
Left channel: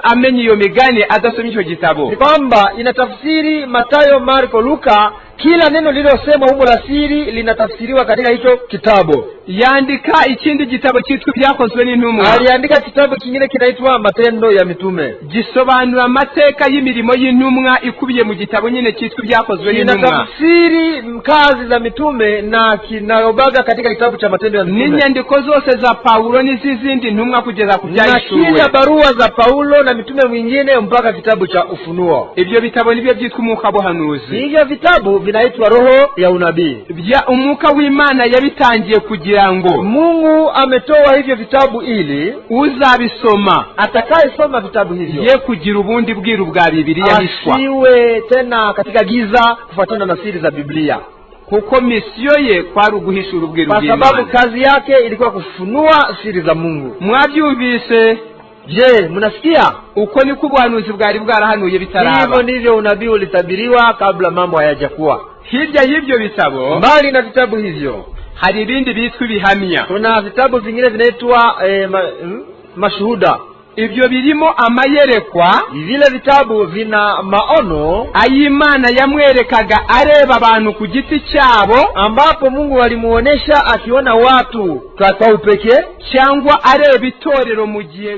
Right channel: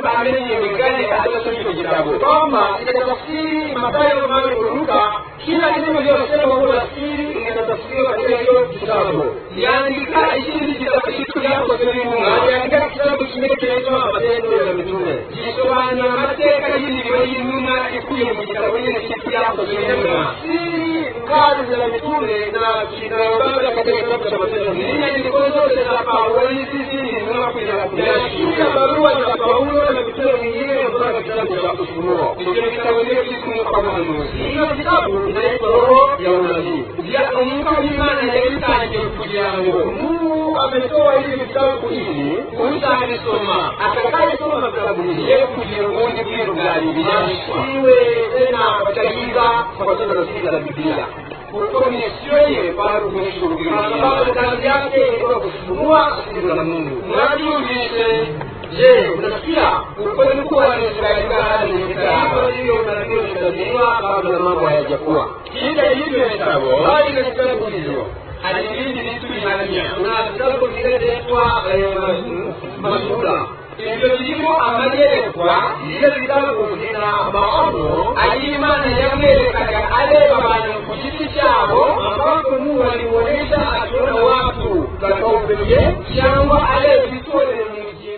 amenye iyo migani adasomye icyo gitabo. Kwamba inatafsiri Matayo, Marko, Luka, kila neno lililosemwa huko la siri linatafsiriwa katika hicho kitabu. Yandika ikindi gitabo cyitwa Ibyakozwe n'Intumwa. Aliandika kitabu kingine kinaitwa Matendo ya Mitume. Gisobanura amateka y'imirimo y'intumwa ikubiye mu gitabo nyine cyitwa Ibyakozwe n'Intumwa. Inatafsiri kazi za mitume na kinayobaga katika kitabu cha Matendo ya Mitume. N'inyandiko zose za Paulo n'izindi ntumwa kugeza ku byahishuriwe. Na kila barua za Paulo na mitume mwingine mpaka kitabu cha Ufunuo. Ibyo bitabo nibyo byitwa umwuka w'ubuhanuzi. Hivyo vitabu vinaitwa roho ya unabii. Umwuka w'Imana yabitangiye kugira ngo Mungu ametoa hivyo vitabu ili uzabisoma, atakayesoma vitabu hivyo ye kugira ubundi bwiru bwa Bibiliya hishwa, asiwe tena katika giza kufuatana na siri za Biblia. Kuko misiyo ye kwari uguhishura ubwiru bw'Imana, kwa sababu kazi yake ilikuwa kufunua siri za Mungu. Mwabyumvise Je, mnasikia? uko niko ubuhanuzi bwari bwarahanuye bitaraba. Hivyo ndivyo unabii ulitabiriwa kabla mambo hayajakuwa. Hirya y'ibyo bitabo, Mbali na vitabu hivyo, hari ibindi bitwa ibihamya. kuna vitabu vingine vinaitwa mashuhuda. Ibyo birimo amayerekwa, Vile vitabu vina maono ay'Imana yamwerekaga areba abantu ku giti cyabo, ambapo Mungu alimuonesha akiona watu kwa upekee, cyangwa areba itorero mu gihe